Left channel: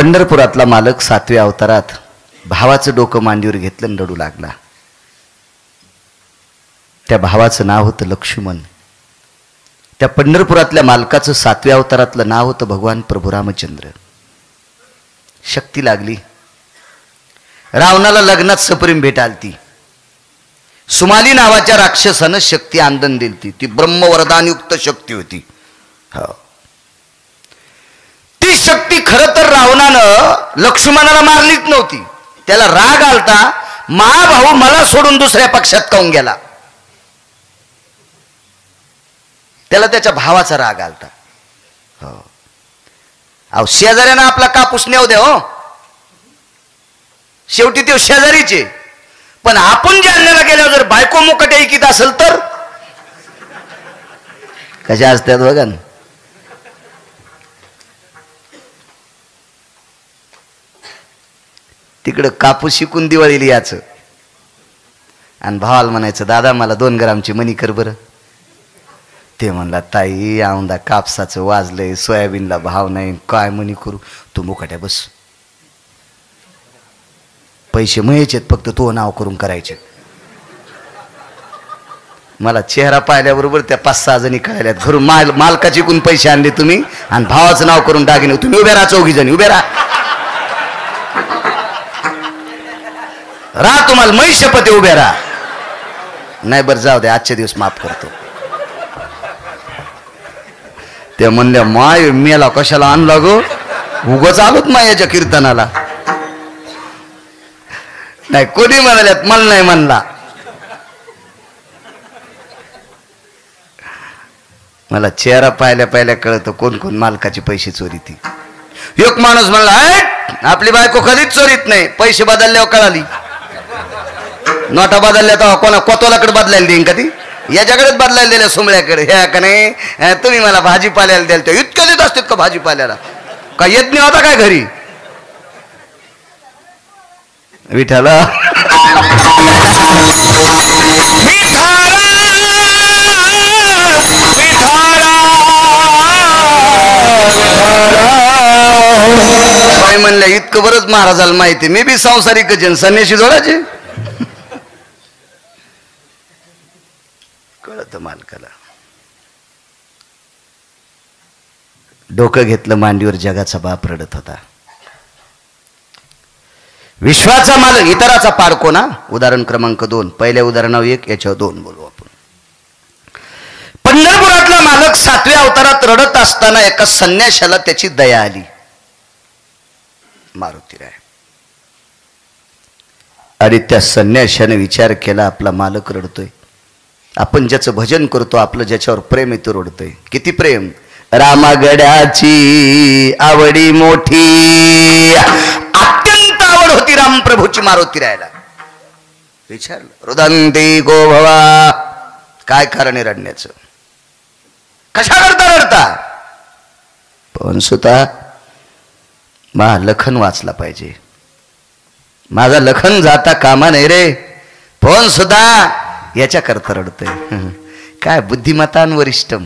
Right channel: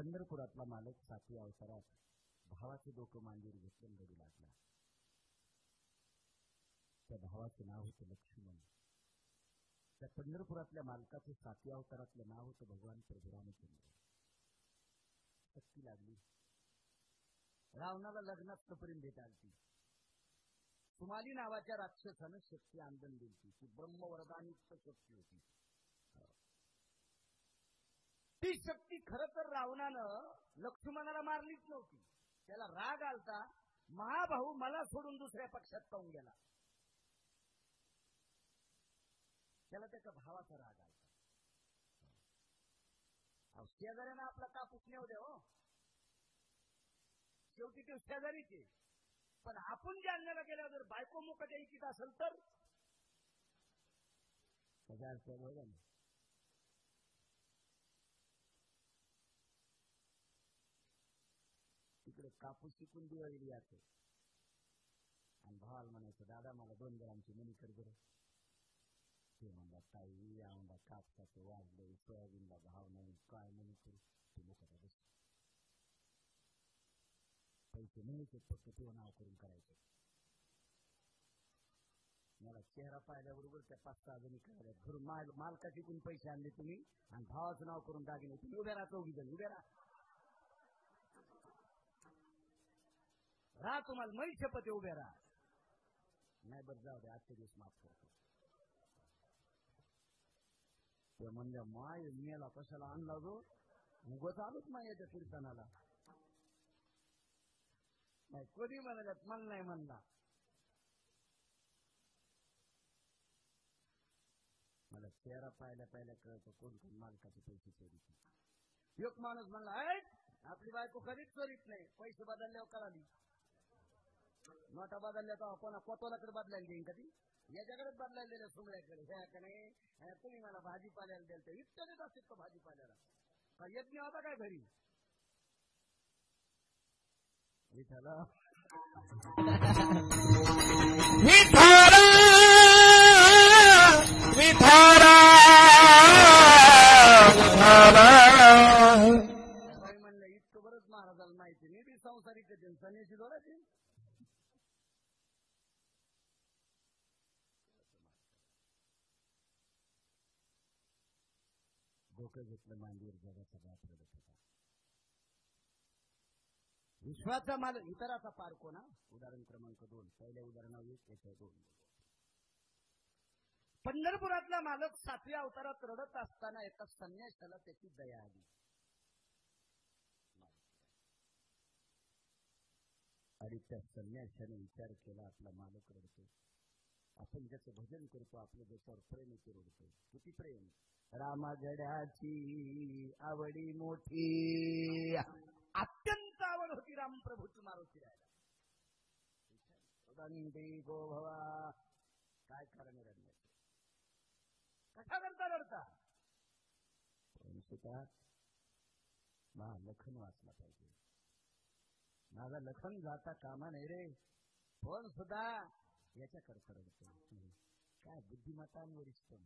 पंढरपुरातला मालक 7व्या अवतारात भावाचं डोकं मांडीवर घेतलं आणि रडू लागला. त्या भावाचं नाव होतं लक्ष्मण. त्या पंढरपुरातल्या मालकाचं 7व्या अवतारातलं नाव होतं भगवान प्रभू रामचंद्र. शक्ती लागली. रावणाला लग्नात सप्रेम भेट आलती. सुमाली नावाच्या राक्षसानं शक्ती आंदन दिलती. ती ब्रह्मवरदानयुक्त शक्ती होती. हो, ती शक्ती खरं तर रावणानं लक्ष्मणाला मारलीच नव्हती. त्याला राग आलता, महाभाऊ मला सोडून दुसऱ्या पक्षात काऊन गेला. त्याला त्याच्या भावाचा राग आलता. हो, अहो शेजाऱ्यानं आपला कापूस नेऊ द्या. हो, शेवटी ते शेजारीचे. पण आपण जालन्याला गेल्यावर जर बायको मुकट ऐकीत असेल तर कशा असतात बघा ना. तिकडं कापूस शिकून दिवाळीला याचं आणि भावाला म्हणायचं दादा मला 2 ग्रामची मणी कर बरं. ते म्हणला ताई औंदा कापसाचं वाजलंय, सोयाबीनला भाव नाही, काय मणी करू. तू मुकाट्या बस, पैसे मयचेत, फक्त तो नाव करून करायचे. मला चेहरा पाहिल्याबरोबर त्या 5-6 जणी कळल्यात. घरून मालकाची कोण पैसे आणले तुम्ही आणि भावाचं नाव करून दागिने. तुम्ही उभे राहा, 4 जणी उभे राहा. तुम्हाला मै शपथ उभे राहा. नाही बरं जाऊ दे, आजचे दिवस माफ करतो. ते म्हणल्या माय मेला कशाला आणला गो, उगच आलोत मायाच्या कीर्तनाला. नाही कोणी म्हणाल्यात, मला नाही म्हणला. मला चेहरा पाहिल्या पाहिल्या कळतं कोण कोण मालकाचे पैसे चोरीती. एक माणूस म्हणला आपली बायको कधीच चोरीत नाही, पैसे बदलल्यावर कळाली. नोटा बदलल्या तर कोणा कोतवालाकडे बदलायला देईन का ती, याच्याकडेच बदलायला दिल्या सुमळ्याकडे. ह्या का नाही तुम्ही मला भाजीपाल्याला द्याल ते इतकं देत असतात का भाजीपाल्याला, का येत नाही होता काय घरी. विठाला काय म्हणलं इतकं बरंच महाराजाला माहिती. मी बी संसारिक जन संन्याशी जोडायचे. कळत मालकाला. डोकं घेतलं मांडीवर, जगाचा बाप रडत होता. विश्वाचा मालक इतराचा पाडको ना. उदाहरण क्रमांक 2. पहिल्या उदाहरणावर 1, याच्यावर 2 बोलू आपण. पंढरपुरातला मालक 7व्या अवतारात रडत असताना एका संन्याशाला त्याची दया आली. मारुतीराय. आणि त्या संन्याशाने विचार केला आपला मालक रडतोय, आपण ज्याचं भजन करतो, आपलं ज्याच्यावर प्रेम येतो रडतोय. किती प्रेम. रामागड्याची आवडी मोठी, अत्यंत आवड होती राम प्रभूची मारुतीरायला. विचारलं रुदंती गो भवा, काय कारण आहे रडण्याचं, कशा करता रडता. पण सुता मा लखन वाचला पाहिजे, माझा लखन जाता कामा नाही रे. पण सुद्धा याच्या करता रडतोय. काय बुद्धिमतान वरिष्ठम,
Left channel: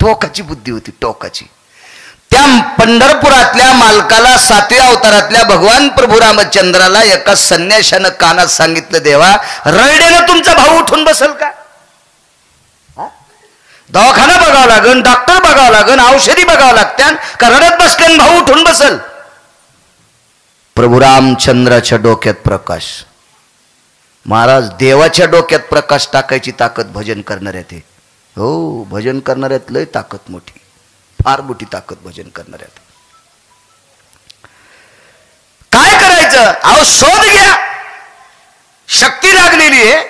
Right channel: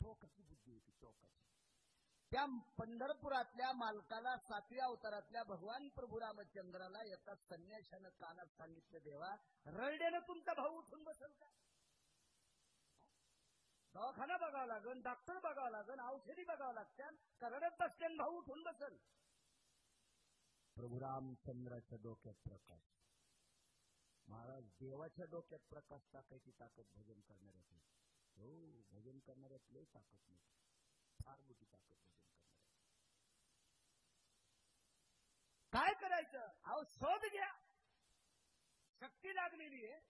टोकाची बुद्धी होती, टोकाची. त्या पंढरपुरातल्या मालकाला 7व्या अवतारातल्या भगवान प्रभू रामचंद्राला एका संन्याशानं कानात सांगितलं, देवा रडण्यानं तुमचा भाऊ उठून बसल का. दवाखाना बघावं लागन, डॉक्टर बघावं लागन, औषधी बघावं लागत्या का रडत बसल्यान भाऊ उठून बसल. प्रभू रामचंद्राच्या डोक्यात प्रकाश. महाराज देवाच्या डोक्यात प्रकाश टाकायची ताकद भजन करणाऱ्यात. हो, भजन करणाऱ्यात लय ताकद मोठी, फार मोठी ताकद भजन करणाऱ्यात. काय करायचं, अहो शोध घ्या. शक्ती लागलेली आहे.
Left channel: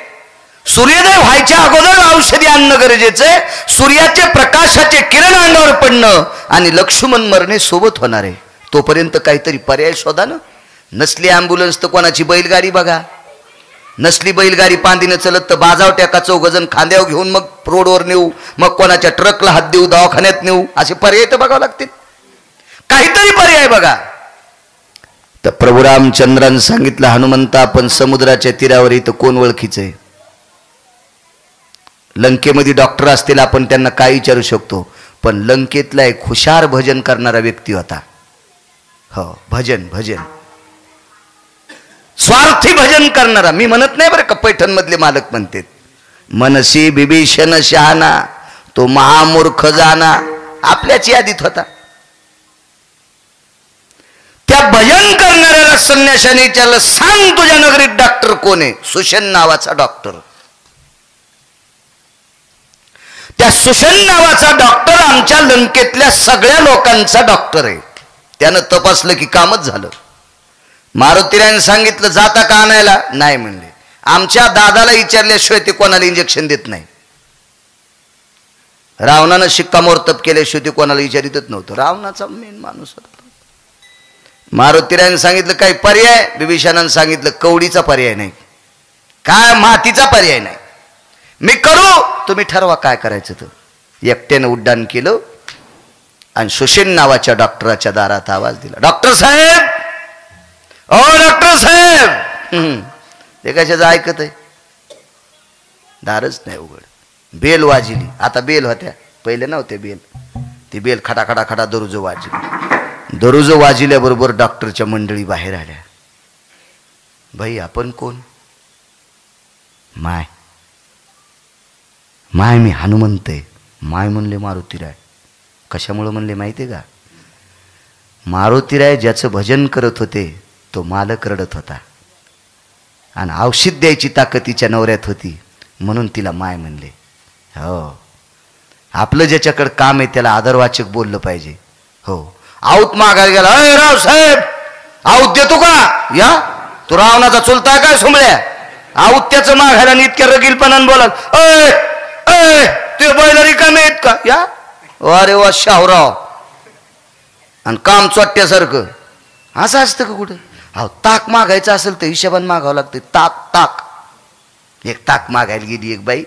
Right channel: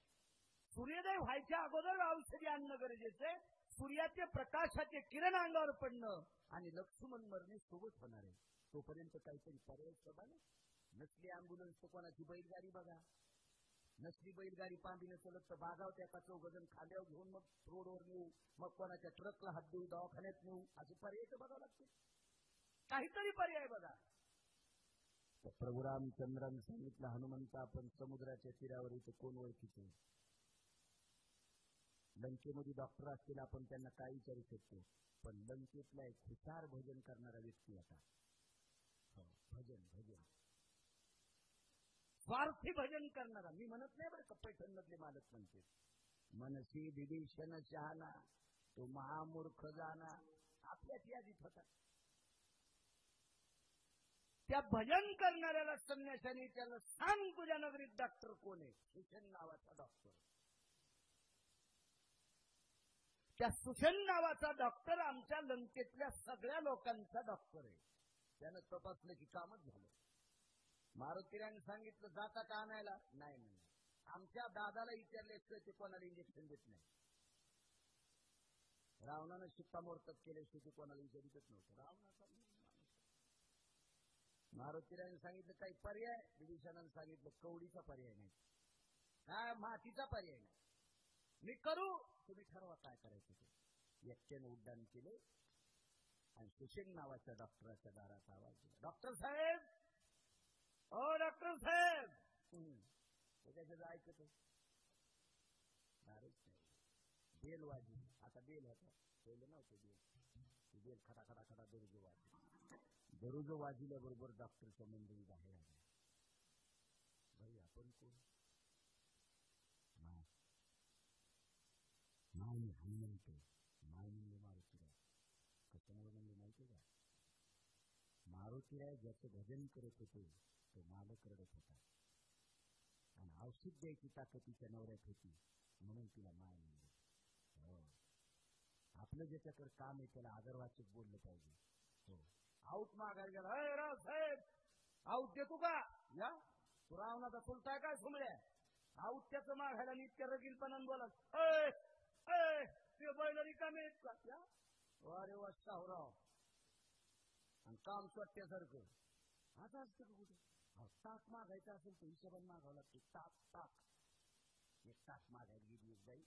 सूर्योदय व्हायच्या अगोदर औषधी आणणं गरजेचं आहे. सूर्याचे प्रकाशाचे किरण अंगावर पडणं आणि लक्ष्मण मरणे सोबत होणार आहे. तोपर्यंत काहीतरी पर्याय शोधा ना. नसली ॲम्ब्युलन्स तर कोणाची बैलगाडी बघा. नसली बैलगाडी पांदीनं चलत तर बाजावट्या का 4 जण खांद्यावर घेऊन मग रोडवर नेऊ, मग कोणाच्या ट्रकला हात देऊ, दवाखान्यात नेऊ. असे पर्याय तर बघावं लागतील. काहीतरी पर्याय बघा. तर प्रभू रामचंद्रानं सांगितलं, हनुमंता आपण समुद्राच्या तीरावर इथं कोण ओळखीचं आहे. लंकेमध्ये डॉक्टर असतील, आपण त्यांना काय विचारू शकतो. पण लंकेतला एक हुशार भजन करणारा व्यक्ती होता. हो, भजन भजन, स्वार्थी भजन करणारा. मी म्हणत नाही बरं का, पैठण मधले मालक म्हणतात, मनसी बिभीषण शहाणा तो महामूर्ख जाना, आपल्याच यादीत होता. त्या भजन करणाऱ्याला संन्याशाने विचारलं, सांग तुझ्या नगरीत डॉक्टर कोण आहे? सुशन नावाचा डॉक्टर. त्या सुशन नावाचा डॉक्टर आमच्या लंकेतल्या सगळ्या लोकांचा डॉक्टर आहे. त्यानं तपासलं की कामच झालं. मारुतीरायने सांगितलं, जाता का आणायला? नाही म्हणले. आमच्या दादाला विचारल्याशिवाय ते कोणाला इंजेक्शन देत नाही. रावणानं शिक्कामोर्तब केल्याशिवाय ते कोणाला विचारितच नव्हतं. रावणाचा मेन माणूस होता. मारुतीरायने सांगितलं काही पर्याय? बिभीषणानं सांगितलं कवडीचा पर्याय नाही, काय मातीचा पर्याय नाही. मी करू, तुम्ही ठरवा काय करायचं. तर एकट्यानं उड्डाण केलं आणि सुशेन नावाच्या डॉक्टराच्या दारात आवाज दिला, डॉक्टर साहेब, ओ डॉक्टर साहेब. ते कशाचं ऐकत आहे? दारच नाही उघड. बेल वाजली. आता बेल होत्या, पहिले नव्हते बेल. ती बेल खडा खडा खडा दररोज वाजली. दररोज वाजल्याबरोबर डॉक्टरच्या मंडळी बाहेर आल्या. भाई आपण कोण? माय माय मी हनुमंत आहे. माय म्हणले मारुतीराय. कशामुळं म्हणले माहिती आहे का? मारुतीराय ज्याचं भजन करत होते तो मालक रडत होता आणि औषध द्यायची ताकद तिच्या नवऱ्यात होती, म्हणून तिला माय म्हणले. हो, आपलं ज्याच्याकडे काम आहे त्याला आदरवाचक बोललं पाहिजे. हो, आऊत मागायला गेला, अय राव साहेब आऊत देतो का? या तू रावणाचा चुलता काय सोमळ्या? आऊत त्याचं मागायला आणि इतक्या रगीलपणानं बोलाल, अय अय ते बैल रिकामे आहेत का? या अरे वा शाहूराव. आणि काम चोट्ट्यासारखं असं असतं का कुठं? अहो, ताक मागायचं असेल तर हिशोबान मागावं लागतं. ताक ताक. एक ताक मागायला गेली एक बाई,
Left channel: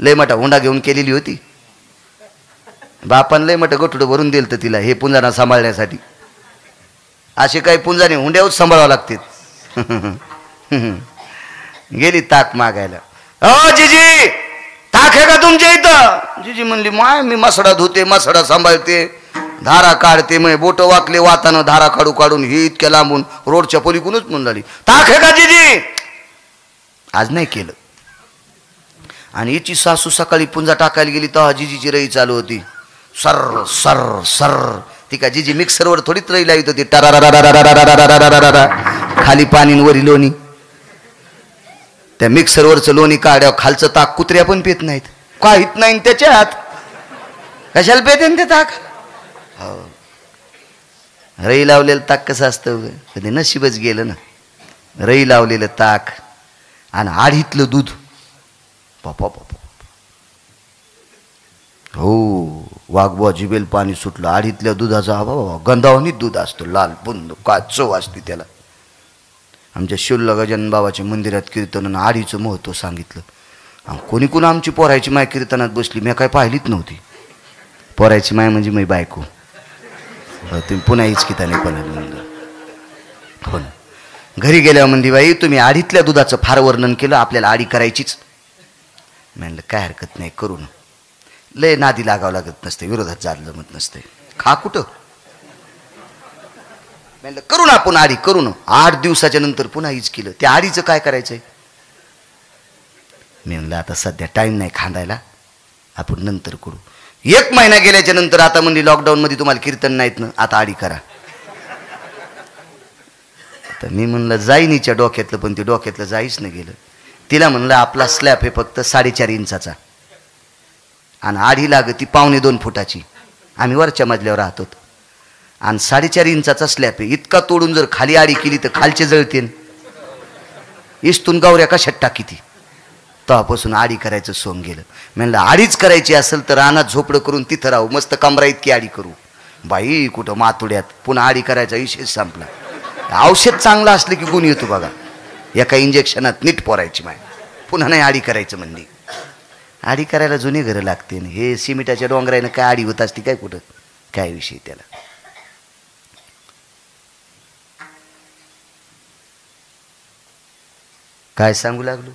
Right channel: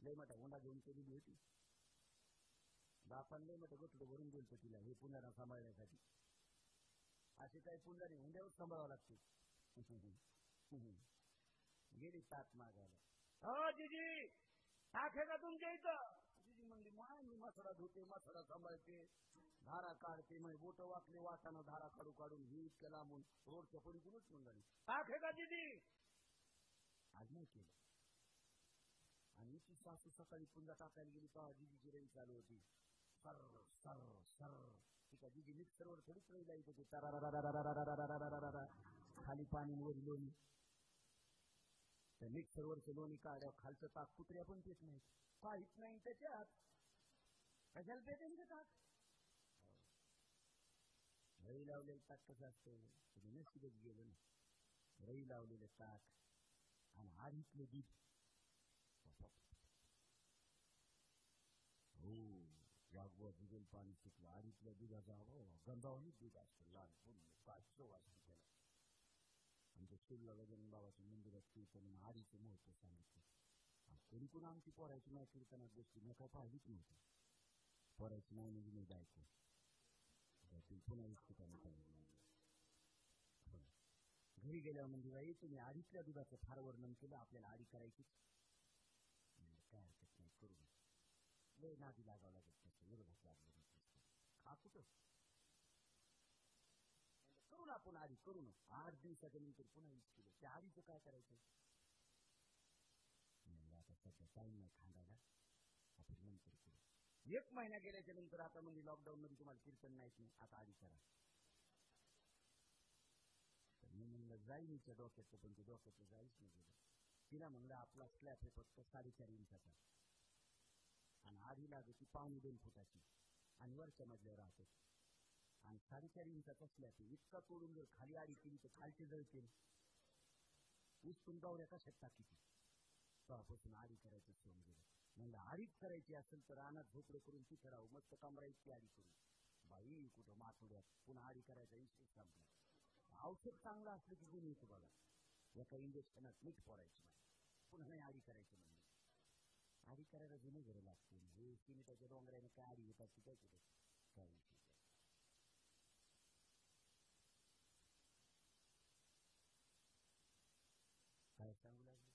लय मोठा हुंडा घेऊन केलेली होती. बापान लय मोठं गठुडं भरून दिलं तर तिला, हे पुंजाना सांभाळण्यासाठी. असे काही पुंजाने हुंड्यावर सांभाळावं लागते. गेली ताक मागायला. अ जीजी ताक आहे का तुमच्या इथं? जीजी म्हणली, माय मी मसडा धुते, मसडा सांभाळते, धारा काढते. मग बोट वाकले वातानं धारा काढू काढून ही इतक्या लांबून रोडच्या पलीकडूनच म्हणून लागली, ताक आहे का जीजी? आज नाही केलं. आणि हिची सासू सकाळी पुंजा टाकायला गेली तेव्हा जीजीची रई चालू होती. Sir sir sir. ती का जीजी मिक्सरवर थोडीच रई लावित होती. खाली पाणी वरी लोणी. त्या मिक्सरवरचं लोणी काढ्या खालचं ताक कुत्र्या पण पेत नाहीत. काहीत नाही त्याच्यात, कशाला पेते ते ताक? हो, रई लावलेलं ताक कसं असतं? कधी नशीबच गेलं ना. रई लावलेलं ताक आणि आढीतलं दूध. पापा पापा. हो, वाघबा जिबेल पाणी सुटलं. आढीतल्या दुधाचा बाबा गंधावणीत दूध असतो, लाल बुंद, काय चव असते त्याला. आमच्या शिवला गजानन बाबाच्या मंदिरात कीर्तनानं आढीचं महत्त्व सांगितलं. आणि कोणी कोण आमची पोरायची माय कीर्तनात बसली, मी काय पाहिलीच नव्हती. पोरायची माय म्हणजे मी बायको. तुम्ही पुन्हा हिचकिताने पण म्हणलं. हो ना. घरी गेल्यावर म्हणली, बाई तुम्ही आढीतल्या दुधाचं फार वर्णन केलं, आपल्याला आडी करायचीच. म्हणलं काय हरकत नाही, करू ना. लय नादी लागावं लागत नसते, विरोधात जायला जमत नसते. खा कुठं? म्हणलं करू ना आपण आडी, करू ना. 8 दिवसाच्या नंतर पुन्हा हीच केलं. त्या आडीचं काय करायचंय? मी म्हणलं आता सध्या टाइम नाही खांदायला, आपण नंतर करू. 1 महिना गेल्याच्या नंतर आता म्हणली, लॉकडाऊन मध्ये तुम्हाला कीर्तन नाहीत ना, आता आडी करा. तर मी म्हणलं जाईन हिच्या डोक्यातलं, पण ते डोक्यातलं जाईच नाही गेलं. तिला म्हणलं आपला स्लॅब आहे फक्त 4.5 इंचाचा आणि आडी लागती 1.25 फुटाची. आम्ही वरच्या मजल्यावर राहतो आणि 4.5 इंचाचा स्लॅब आहे. इतका तोडून जर खाली आडी केली तर खालचे जळतेन. इस्तून गावऱ्या कशात टाकी ती. तेव्हापासून आडी करायचं सोंग गेलं. म्हणलं आडीच करायची असेल तर रानात झोपडं करून तिथं राहू, मस्त कमरा इतकी आडी करू. बाई कुठं मातुड्यात पुन्हा आडी करायचा विषय संपला. औषध चांगलं असलं की गुण येतो बघा. एका इंजेक्शनात नीट पोरायची माय, पुन्हा नाही आडी करायचं म्हणली. आडी करायला जुनी घरं लागते. हे सिमिटाच्या डोंगरानं काय आडी होत असते काय कुठं, काय विषय त्याला. काय सांगू लागलो?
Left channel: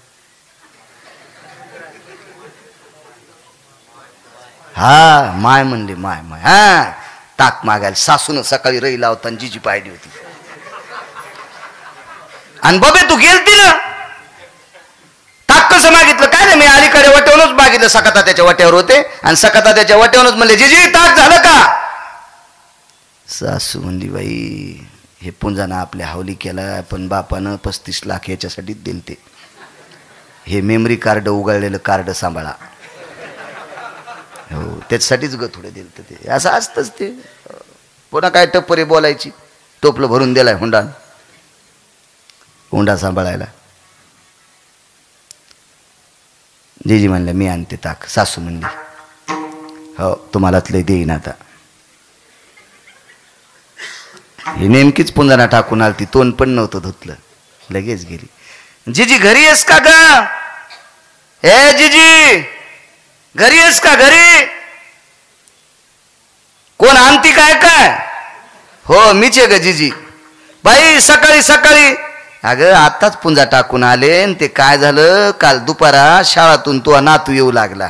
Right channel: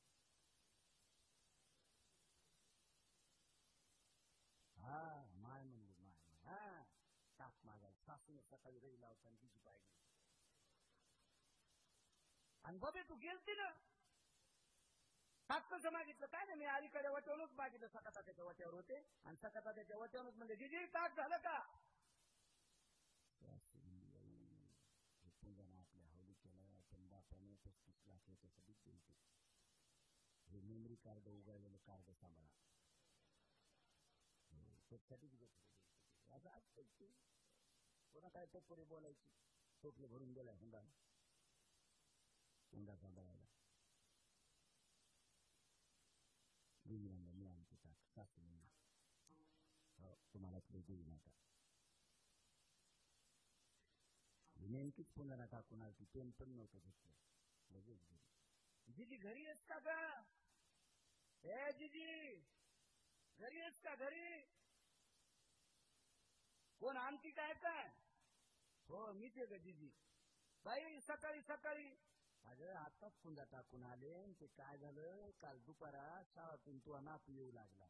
हा माय म्हणले, माय माय. हा ताक मागायला. सासून सकाळी रई लावताना जिजी पाहिली होती. आणि बबे तू गेलती ना, ताक कसं मागितलं? काय नाही, मी अलीकडे वट्यावरूनच मागितलं. सकाता त्याच्या वट्यावर होते आणि सकाता त्याच्या वट्यावरूनच म्हणले जिजी ताक झालं का? सासू म्हणली बाई हे पुंजानं आपल्या हावली केला, पण बापानं 35 लाख याच्यासाठीच दिलते. हे मेमरी कार्ड उघडलेलं कार्ड सांभाळा. हो त्याच्यासाठीच ग थोडे दिलते ते. असं असतंच ते. पुन्हा काय टप्परी बोलायची. टोपलं भरून दिलाय हुंडा सांभाळायला. जीजी म्हणलं मी आणते ताक. सासू म्हणली हो तुम्हालाच लय देईन आता. ही नेमकीच पुंजाना टाकून आलती. तोंड पण नव्हतं धुतलं. लगेच गेली. जीजी घरी आहेस का ग? ए जीजी घरी आहेस का? घरी कोण आणती काय? काय हो मीच आहे ग जीजी. बाई सकाळी सकाळी अगं आताच पुंजा टाकून आले. ते काय झालं काल दुपारा शाळातून तो नातू येऊ लागला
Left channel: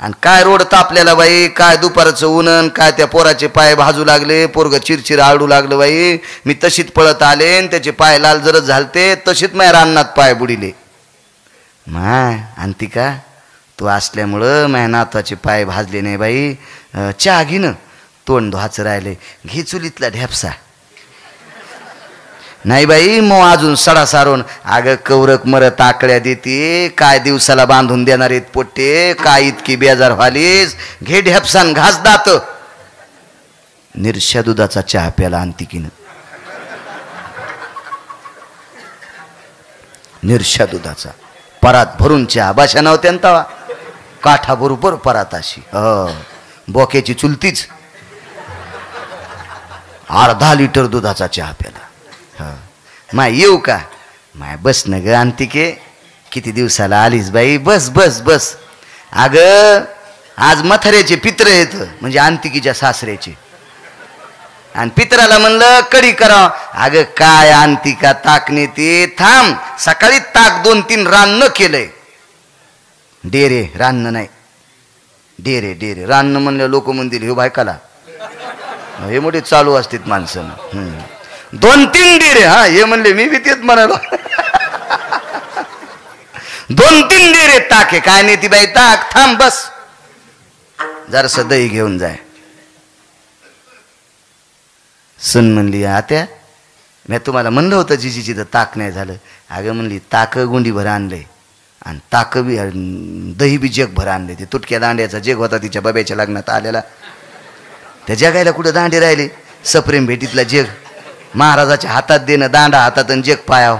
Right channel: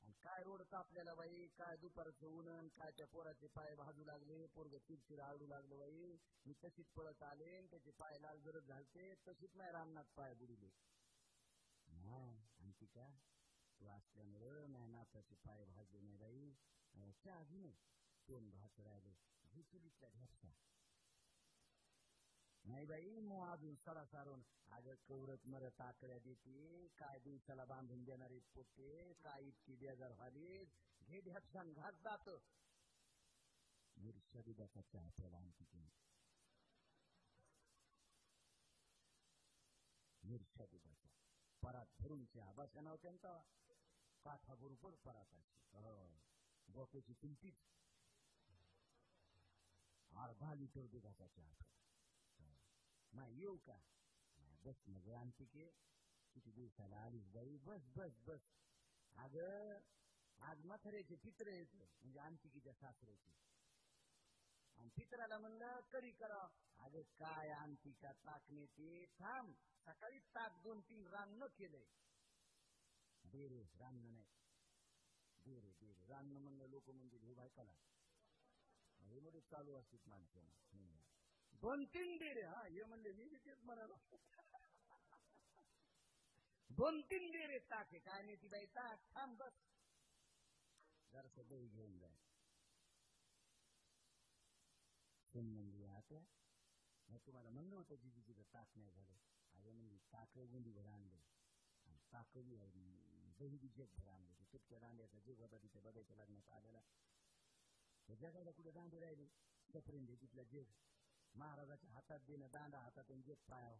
आणि काय रोड तापलेला बाई. काय दुपारचं ऊन, काय त्या पोराचे पाय भाजू लागले. पोरग चिरचिर आळू लागलं बाई. मी तशीच पळत आले आणि त्याचे पाय लाल जरच झालते. तशीच माझ्या रानात पाय बुडिले. माय आणती का? तू असल्यामुळं माझ्या नाताचे पाय भाजले नाही बाई. चहा घे ना, तोंड धुवाचं राहिले. घे चुलीतला ढेपसा. नाही बाई मग अजून सडा सारून. अगं कवरक मरत आकड्या देते. काय दिवसाला बांधून देणार आहेत पोट्टे. काय इतकी बेजार व्हालीस. घे ढेपसान घास दात. निरशा दुधाचा चहा प्याला आणती की न. निरशा दुधाचा परात भरून चहा. बाशा नव्हत्या तवा. काठा बरोबर परात अशी. बोक्याची चुलतीच. अर्धा लिटर दुधाचा चहा प्याला. माय येऊ का? माय बस न ग अंतिके. किती दिवसाला आलीस बाई. बस बस बस. अग आज मथाऱ्याचे पित्र येत म्हणजे अंतिकीच्या सासऱ्याचे. आणि पित्राला म्हणलं कढी करा. अगं काय अंतिका ताक नेते. थांब सकाळी ताक 2-3 रान्न केलंय. डेरे रान्न नाही डेरे डेरे. रान्न म्हणलं लोक म्हणतील हे बायकाला. हे मोठे चालू असतात माणसं. 2-3 डेरे. हा हे म्हणले मी बी तेच म्हणालो. 2-3 डेरे ताक आहे. काय नेती बाई ताक. थांब बस जरासं दही घेऊन जाय. सून म्हणली आत्या मी तुम्हाला म्हणलं होतं जिजीची तर ताक नाही झालं. अगं म्हणली ताक गुंडीभर आणलंय आणि ताक बी दही बी जगभर आणले. ते तुटक्या दांड्याचा जग होता तिच्या बाब्याच्या लग्नात आलेला. त्या जगायला कुठं दांडे राहिले. सप्रेम भेटीतला जग. महाराजाच्या हातात देणं दांडा हातात आणि जग पायाव.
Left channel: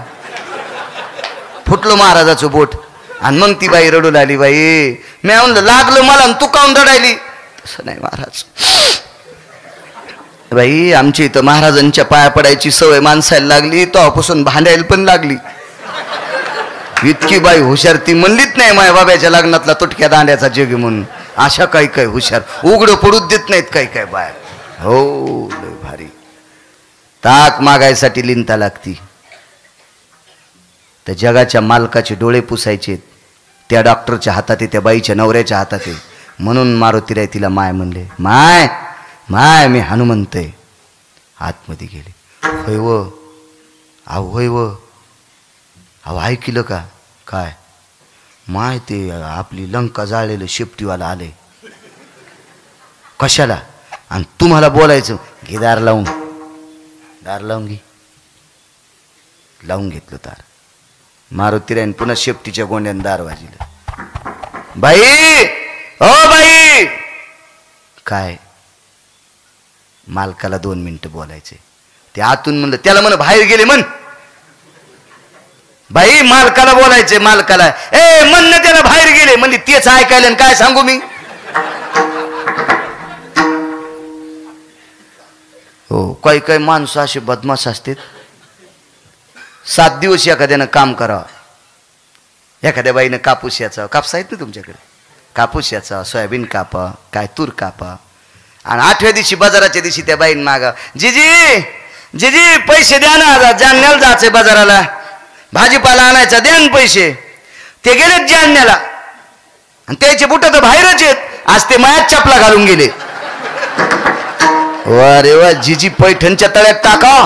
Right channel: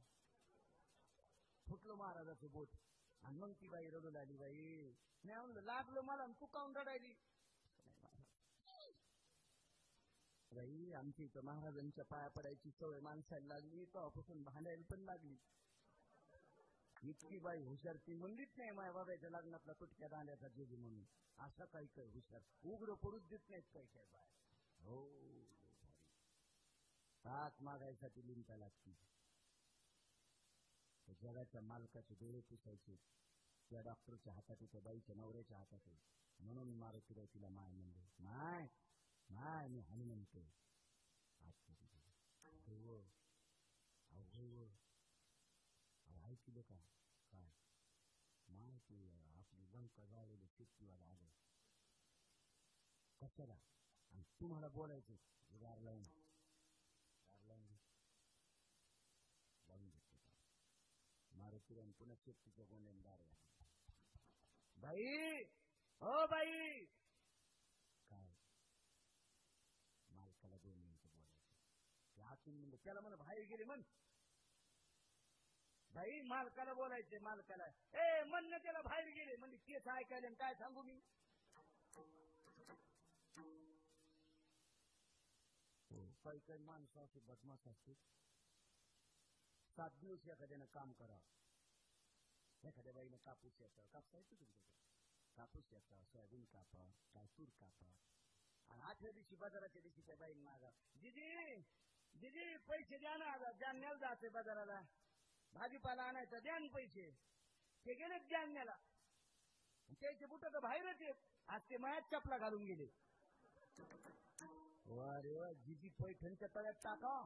फुटलो महाराजाचं बोट. आणि मग ती बाई रडू लागली. बाई मी म्हणलं लागलं मला तू काऊन रडायली. तसं नाही महाराज. बाई आमची इथं महाराजांच्या पाया पडायची सवय माणसाला लागली. तेव्हापासून भांडायला पण लागली. इतकी बाई हुशार. ती म्हणलीच नाही माझ्या बाब्याच्या लग्नातला तुटक्या दांड्याचा जग म्हणून. अशा काही काही हुशार. उघडं पडूच देत नाहीत काही काय बाया. हो लय भारी. ताक मागायसाठी लिंता लागती. त्या जगाच्या मालकाचे डोळे पुसायचे त्या डॉक्टरच्या हातात आहे. त्या बाईच्या नवऱ्याच्या हातात आहे. म्हणून मारुतीराय तिला माय म्हणले. माय माय मी हनुमंत आहे. आतमध्ये गेले. होय व अहो होय व अहो ऐकलं का? काय माय ते आपली लंका जाळलेलं शेपटीवाला आले. कशाला? आणि तुम्हाला बोलायचं. घे दार लावून. दार लावून घे. लावून घेतलं दार. मारुतीरायन पुन्हा शेपटीच्या गोंड्यानं दार वाजिलं. बाई ओ बाई. काय? मालकाला 2 मिनिटं बोलायचे. ते आतून म्हणलं त्याला म्हण बाहेर गेले म्हण. बाई मालकाला बोलायचे. मालकाला ए म्हण त्याला बाहेर गेले. म्हणजे तेच ऐकायला आणि काय सांगू मी. हो काही काही माणसं असे बदमाश असतात. 7 दिवस एखाद्यानं काम करावं. एखाद्या बाईनं कापूस याचा. कापूस आहेत ना तुमच्याकडे. कापूस याचा सोयाबीन कापा काय तूर कापा. आणि 8व्या दिवशी बाजाराच्या दिवशी त्या बाईन मागा. जिजी जिजी पैसे द्या ना. जालन्याला जायचंय बाजाराला. भाजीपाला आणायचा द्या ना पैसे. ते गेलेत जालन्याला आणि त्याचे बुट तर बाहेरच आहेत. आज ते मायात चपला घालून गेले. अरे वा, जिजी पैठणच्या तळ्यात टाका,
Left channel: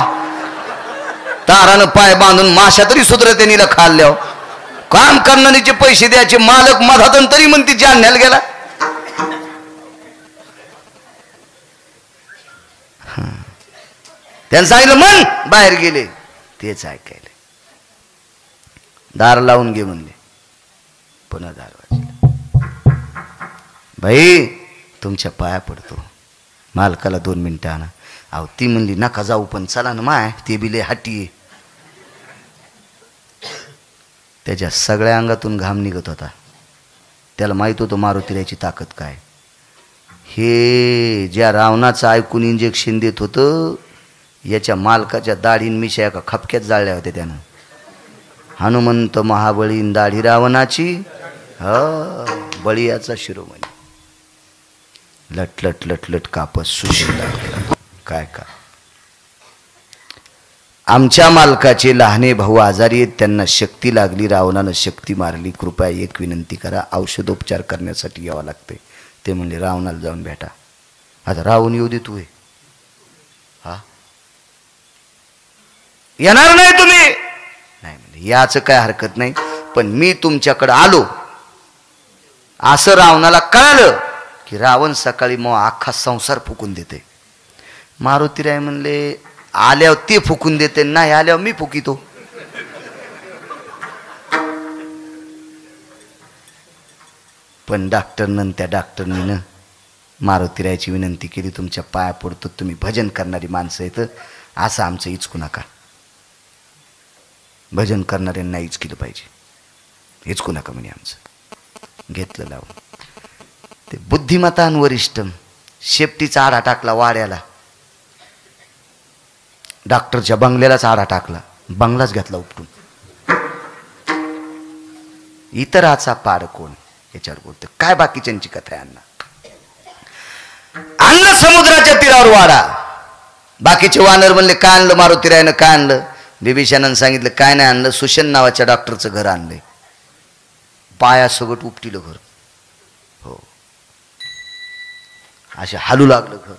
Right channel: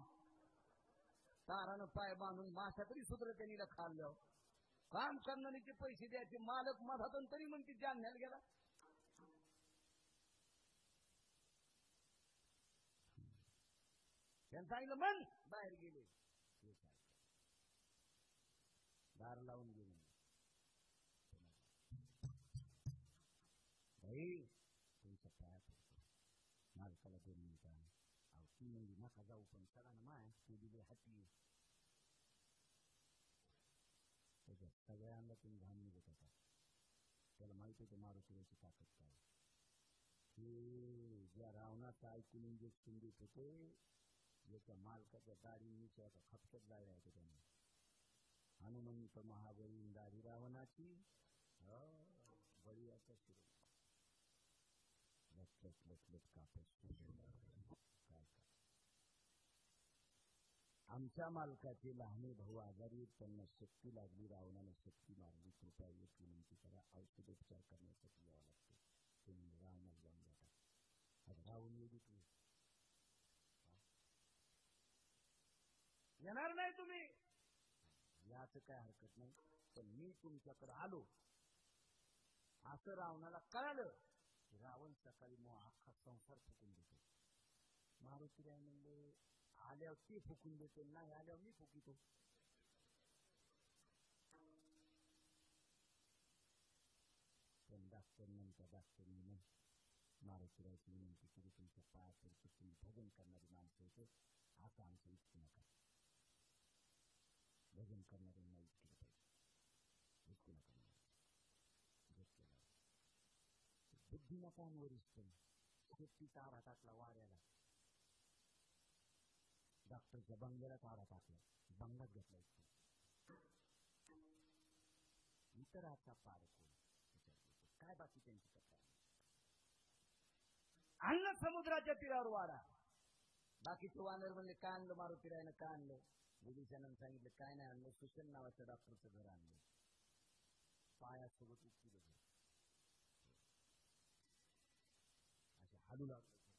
तारानं पाय बांधून माशा तरी सुधरते नीला खाल्ल्यावर. काम करणारीचे पैसे द्यायचे, मालक मधातून तरी म्हणते जालन्याला गेला. त्यांनी सांगितलं मन बाहेर गेले, तेच ऐकायले. दार लावून घे म्हणले, पुन्हा दार वाजले. भाई तुमच्या पाया पडतो, मालकाला 2 मिनिटं आणा. अहो ती म्हणली नका जाऊ, पण चला ना माय, ते बिले हाटी. त्याच्या सगळ्या अंगातून घाम निघत होता. त्याला माहित होतं मारुतीरायाची ताकद काय. हे ज्या रावणाचं ऐकून इंजेक्शन देत होतं, याच्या मालकाच्या दाढीन मिशा एका खपक्यात जाळल्या होत्या त्यानं. हनुमंत महाबळीन दाढी रावणाची, बळीयाचा शिरोमणी. लटलट लटलट कापस सुशील लागला. काय का आमच्या मालकाचे लहाने भाऊ आजारी आहेत, त्यांना शक्ती लागली, रावणानं शक्ती मारली, कृपया एक विनंती करा, औषधोपचार करण्यासाठी यावं लागते. ते म्हणले रावणाला जाऊन भेटा. आता रावण येऊ दे तू, हा येणार नाही तुम्ही, नाही म्हणजे याचं काय हरकत नाही, पण मी तुमच्याकडे आलो असं रावणाला कळालं की रावण सकाळी मग अख्खा संसार फुकून देते. मारुतीराय म्हणले आल्यावर ते फुकून देते, नाही आल्यावर मी फुकितो. पण त्या डॉक्टरनीनं मारुतीरायाची विनंती केली, तुमच्या पाया पडतो, तुम्ही भजन करणारी माणसं आहेत, असं आमचं इचकू नका. भजन करणाऱ्यांना इचकिलं पाहिजे, इचकू नका म्हणे आमचं. घेतलं लावून. ते बुद्धिमतान वरिष्ठम शेपटीचा आडा टाकला वाड्याला, डॉक्टरच्या बंगल्यालाच आडा टाकला, बंगलाच घेतला उपटून. इतराचा पाड कोण याच्यावर बोलतो काय, बाकीच्यांची कथा आहे. आणलं समुद्राच्या तीरावर वाडा. बाकीचे वानर म्हणले काय आणलं मारुतीरायानं, काय आणलं. बिभीषणानं सांगितलं काय नाही आणलं, सुशन नावाच्या डॉक्टरचं घर आणलंय. पायासोबत उपटीलं घर, हो असे हालू लागलं घर.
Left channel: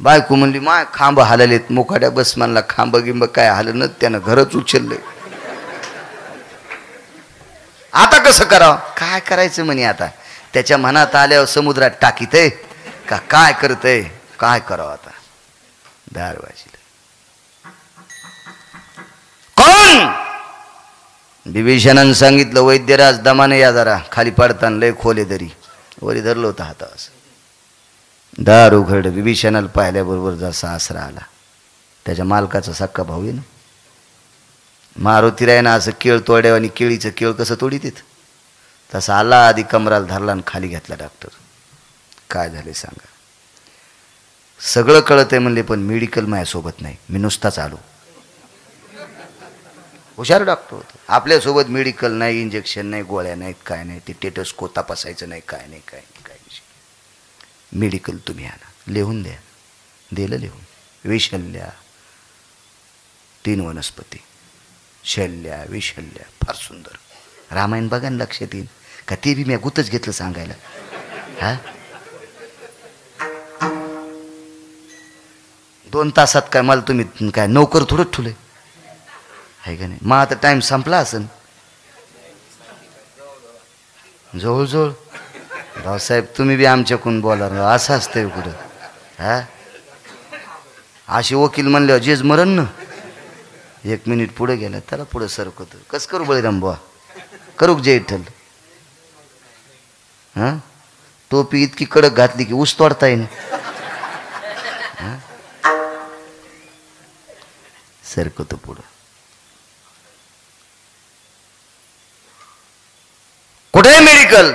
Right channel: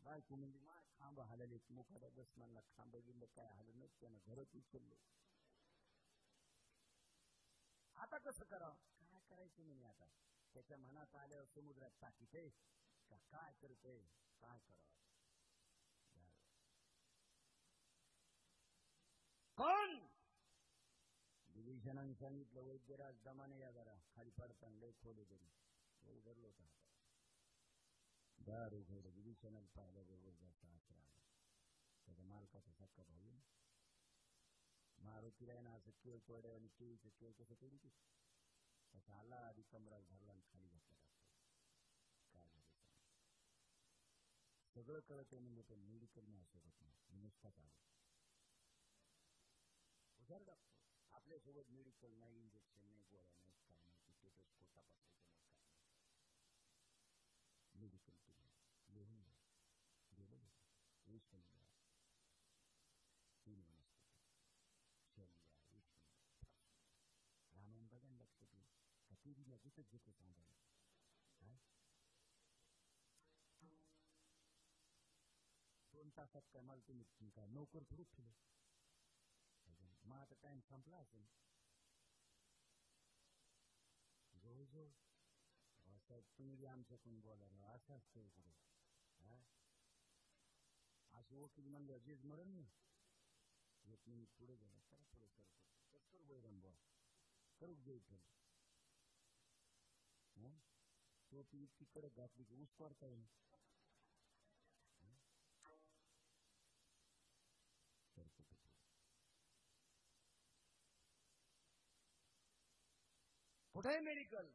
बायको म्हणली माय खांब हाललेत, मुकाट्या बस म्हणला, खांब गिंब काय हालत, त्यानं घरच उचललंय. आता कसं करावं, काय करायचं म्हणे. आता त्याच्या मनात आल्यावर समुद्रात टाकीतय का काय करतय, काय करावं आता. दार वाजलं. कोण. बिभीषणानं सांगितलं वैद्यराज दमाने या जरा, खाली पडताना लय खोले दरी, वरी धरलं होतं हाता असं. दार उघड. बिभीषणाला पाहिल्याबरोबर जसा आसरा आला. त्याच्या मालकाचा सक्का भाऊ आहे ना. मारुतीरायानं असं केळ तोड्यावर, आणि केळीचं केळ कसं तोडी तिथं तसं आला, आधी कमराला धरला आणि खाली घेतला. डॉक्टर काय झाले सांगा. सगळं कळत आहे म्हणले, पण मेडिकल माझ्यासोबत नाही, मी नुसताच आलो. हुशार डॉक्टर होतं. आपल्यासोबत मेडिकल नाही, इंजेक्शन नाही, गोळ्या नाहीत, काय नाही, ते टेटस्कोप तपासायचं नाही, काय नाही, काय नाही, काय नाही. मेडिकल तुम्ही आणा, लिहून द्या. दिलं लिहून. विशल्या 3 वनस्पती, शल्ल्या विशल्या, फार सुंदर. रामायण बघा ना, लक्षात येईल का. ते बी मी गुतच घेतलं सांगायला. हा 2 तासात काय मला तुम्ही काय नोकर थोडंच ठुले आहे का नाही. मग आता टाइम संपला असेल जवळजवळ. भाऊसाहेब तुम्ही बी आमच्याकडून बोला, असं असतंय कुठं. हा अशी वकील म्हणल्यावर जेज मरण ना. 1 मिनिट पुढे गेला त्याला पुढे सरकवतं. कसं करू बळीराम बुवा, करू जय विठ्ठल. हा टोपी इतकी कडक घातली की ऊस तोडता येईल. सरकवतो पुढं. कुठे मेडिकल.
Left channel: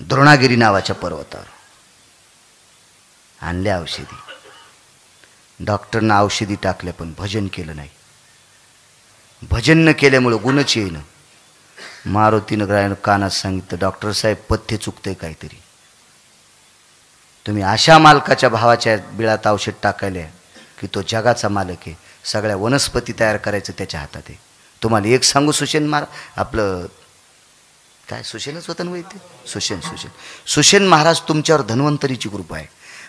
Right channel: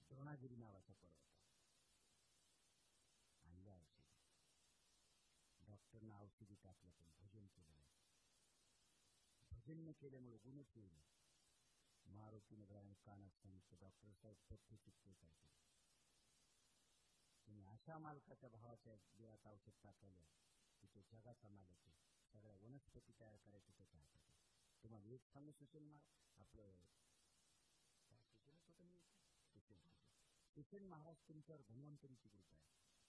द्रोणागिरी नावाच्या पर्वतावर आणल्या औषधी. डॉक्टरनं औषधी टाकल्या पण भजन केलं नाही. भजन न केल्यामुळं गुणच येईन. मारुतीनं ग्रायन कानात सांगितलं डॉक्टर साहेब पथ्य चुकतंय काहीतरी. तुम्ही अशा मालकाच्या भावाच्या बिळात औषध टाकायला की तो जगाचा मालक आहे. सगळ्या वनस्पती तयार करायचं त्याच्या हातात आहे. तुम्हाला एक सांगू सुशेन आपलं काय सुशेनच होतं ना वैद्य. सुशेन महाराज तुमच्यावर धन्वंतरीची कृपा आहे.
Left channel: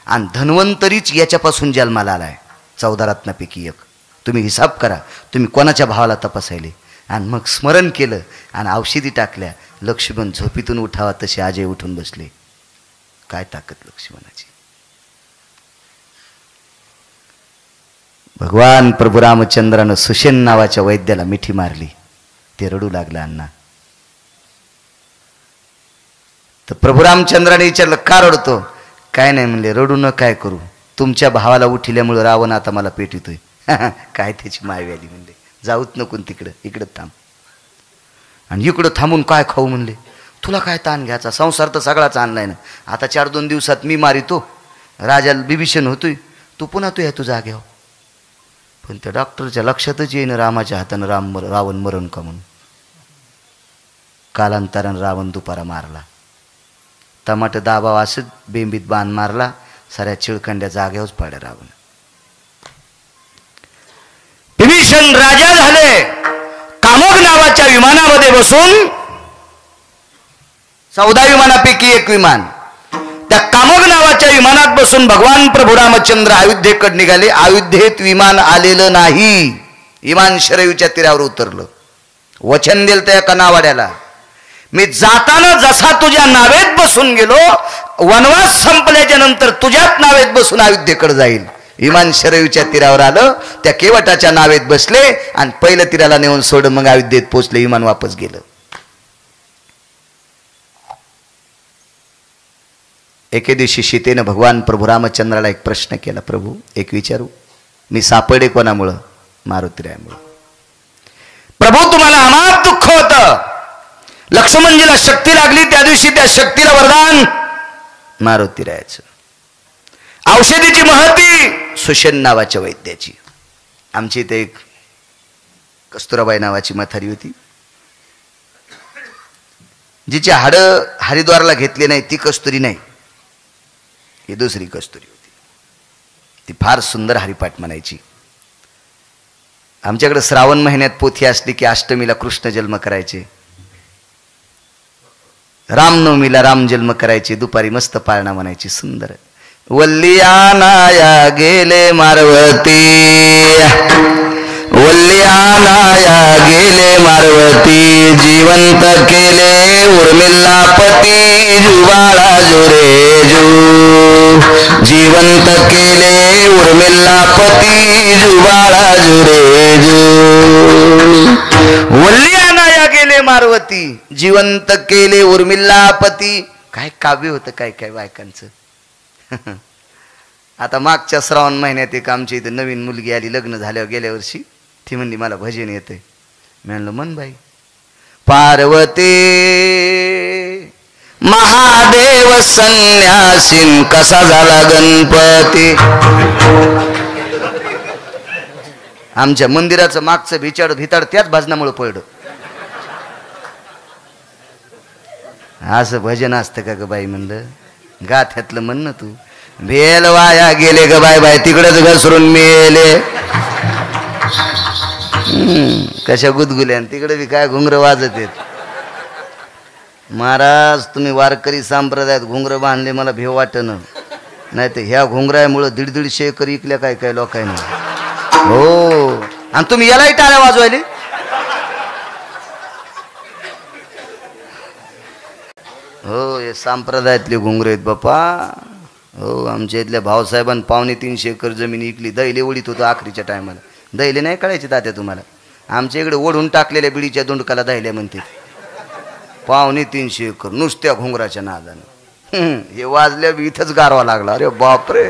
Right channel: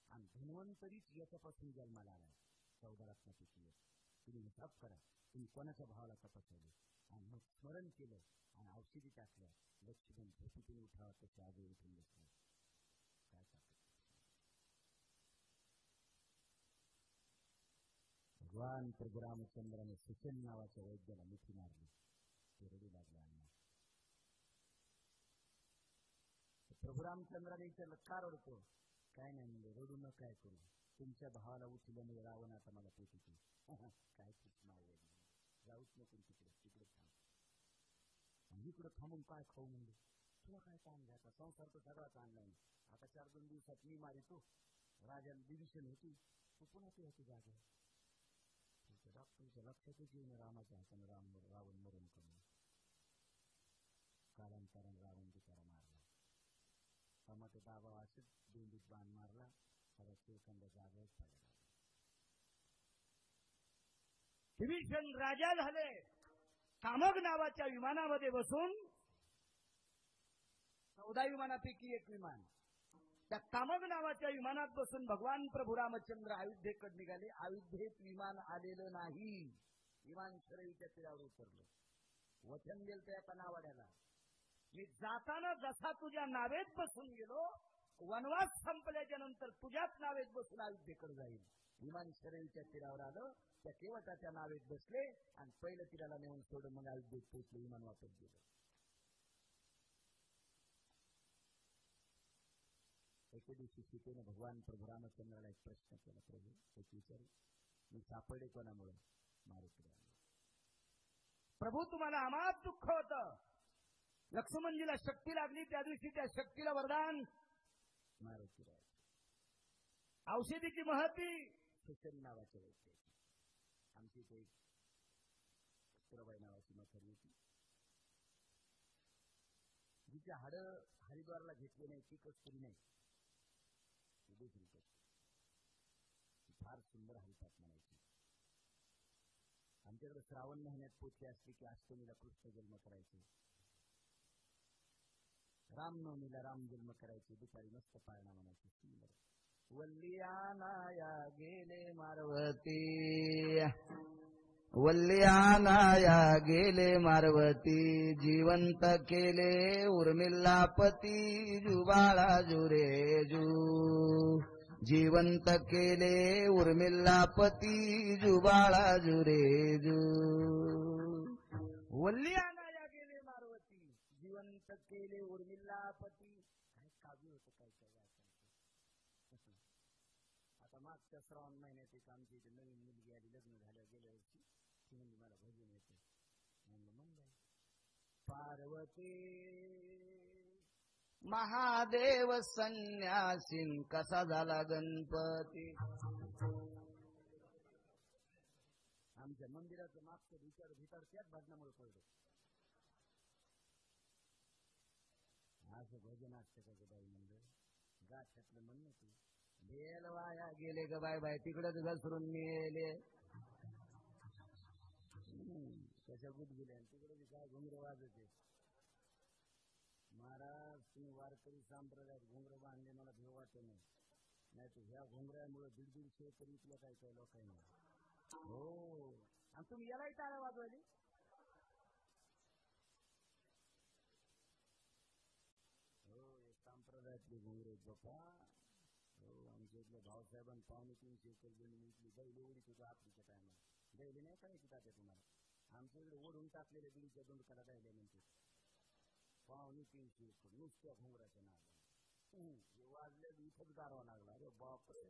आणि धन्वंतरीच याच्यापासून जन्माला आलाय, 14 रत्नापैकी एक. तुम्ही हिसाब करा, तुम्ही कोणाच्या भावाला तपासायले. आणि मग स्मरण केलं आणि औषधी टाकल्या. लक्ष्मण झोपीतून उठावा तसे अजय उठून बसले. काय ताकद लक्ष्मणाची. भगवान प्रभू रामचंद्रानं सुषेण नावाच्या वैद्याला मिठी मारली. ते रडू लागला अण्णा. तर प्रभू रामचंद्राने विचारलं, का रडतो? काय नाही म्हणले. रडू न काय करू, तुमच्या भावाला उठिल्यामुळे रावण आता मला पेटितोय. काय त्याची मायवी आली म्हणले. जाऊच नको तिकडं, इकडं थांब. आणि इकडं थांबून काय खाऊ म्हणले. तुला काय ताण घ्यायचा, संसार तर सगळाच आणलाय ना. आता 4-2 दिवसात मी मारितो, राजाला बिभीषण होतोय, तू पुन्हा तू या तुझ्या जाग्यावर. पण त्या डॉक्टरच्या लक्षातच येईन रामाच्या हातानं रावण मरण का म्हणून. कालांतरानं रावण दुपारा मारला. टमाटर दाबाव असं बेंबीत बाण मारला. साऱ्या चिळखंड्या जाग्यावरच पाड्या रावण. विभीषण राजा झाले. कामोग नावाच्या विमानामध्ये बसून, 14 विमानापैकी एक विमान, त्या कामोग नावाच्या विमानात बसून भगवान प्रभू रामचंद्र अयोध्येकडे निघाले. अयोध्येत विमान आलेलं नाही. विमान शरयूच्या तीरावर उतरलं. वचन दिलं त्या एका नावाड्याला, मी जाताना जसा तुझ्या नावेत बसून गेलो, वनवास संपल्याच्या नंतर तुझ्याच नावेत बसून अयोध्येकडे जाईल. विमान शरयूच्या तीरावर आलं. त्या केवटाच्या नावेत बसले आणि पहिलं तीराला नेऊन सोडून मग अयोध्येत पोचले. विमान वापस गेलं. एके दिवशी सीतेनं भगवान प्रभू रामचंद्राला एक प्रश्न केला, प्रभू एक विचारू, मी सापडे कोणामुळं? मारुतीरायामुळं. प्रभू तुम्हाला अमाप दुःख होतं. लक्ष्मणजीला शक्ती लागली, त्या दिवशी त्या शक्तीला वरदान मारुतीरायाचं. औषधीची महती सुषेण नावाच्या वैद्याची. आमची इथे एक कस्तुराबाई नावाची म्हातारी होती, जिची हाडं हरिद्वारला घेतली नाही. ती कस्तुरी नाही, ही दुसरी कस्तुरी होती. ती फार सुंदर हरिपाठ म्हणायची. आमच्याकडे श्रावण महिन्यात पोथी असली की अष्टमीला कृष्ण जन्म करायचे, रामनवमीला राम जन्म करायचे, दुपारी मस्त पाळणा म्हणायची सुंदर. वल्लियानाया गेले मारवती, वल्लियानाया गेले मारवती, जिवंत केले उर्मिल्लापती, जुवाळा जुरे जू, जिवंत केले उर्मिल्लापती, जुवाळा जुरे जू. वल्लियानाया गेले मारवती, जिवंत केले उर्मिल्लापती. काय काव्य होतं काय काय बायकांचं. आता मागच्या श्रावण महिन्यात एक आमच्या इथे नवीन मुलगी आली लग्न झाल्यावर गेल्या वर्षी. ती म्हणली मला भजन येते. मी म्हणलं मन बाई. पार्वती महादेव संन्यासीन कसा झाला गणपती. आमच्या मंदिराचं मागचं भिताड त्याच भजनामुळे पडलं. असं भजन असतं का ग बाई म्हणलं. गाथ्यातलं म्हण ना तू. भेल वाया गेले ग बाय बाय, तिकडेच घसरून मेले. कशा गुदगुल्या, तिकडे बी काय घुंगर वाजत येत. महाराज तुम्ही वारकरी संप्रदायात घुंगर बांधले, मला भेव वाटणं. नाही तर ह्या घुंगरामुळं 150 एकर इकल्या काय काय लोकांनी. हो, आणि तुम्ही यालाही टाळ्या वाजवायले. हो, हे संप्रदायातले घुंगरे आहेत बापा. हो, आमच्या इथल्या भाऊसाहेबांनी 350 एकर जमीन इकली. दैले ओढीत होतो आखरीच्या टायमाला. दैले नाही कळायचे तात्या तुम्हाला. आमच्या इकडे ओढून टाकलेल्या बिडीच्या दोंडकाला दैल्या म्हणते. 350 एकर नुसत्या घुंगराच्या नादानं. हे वाजल्या बी इथंच गारवा लागला. अरे बापरे,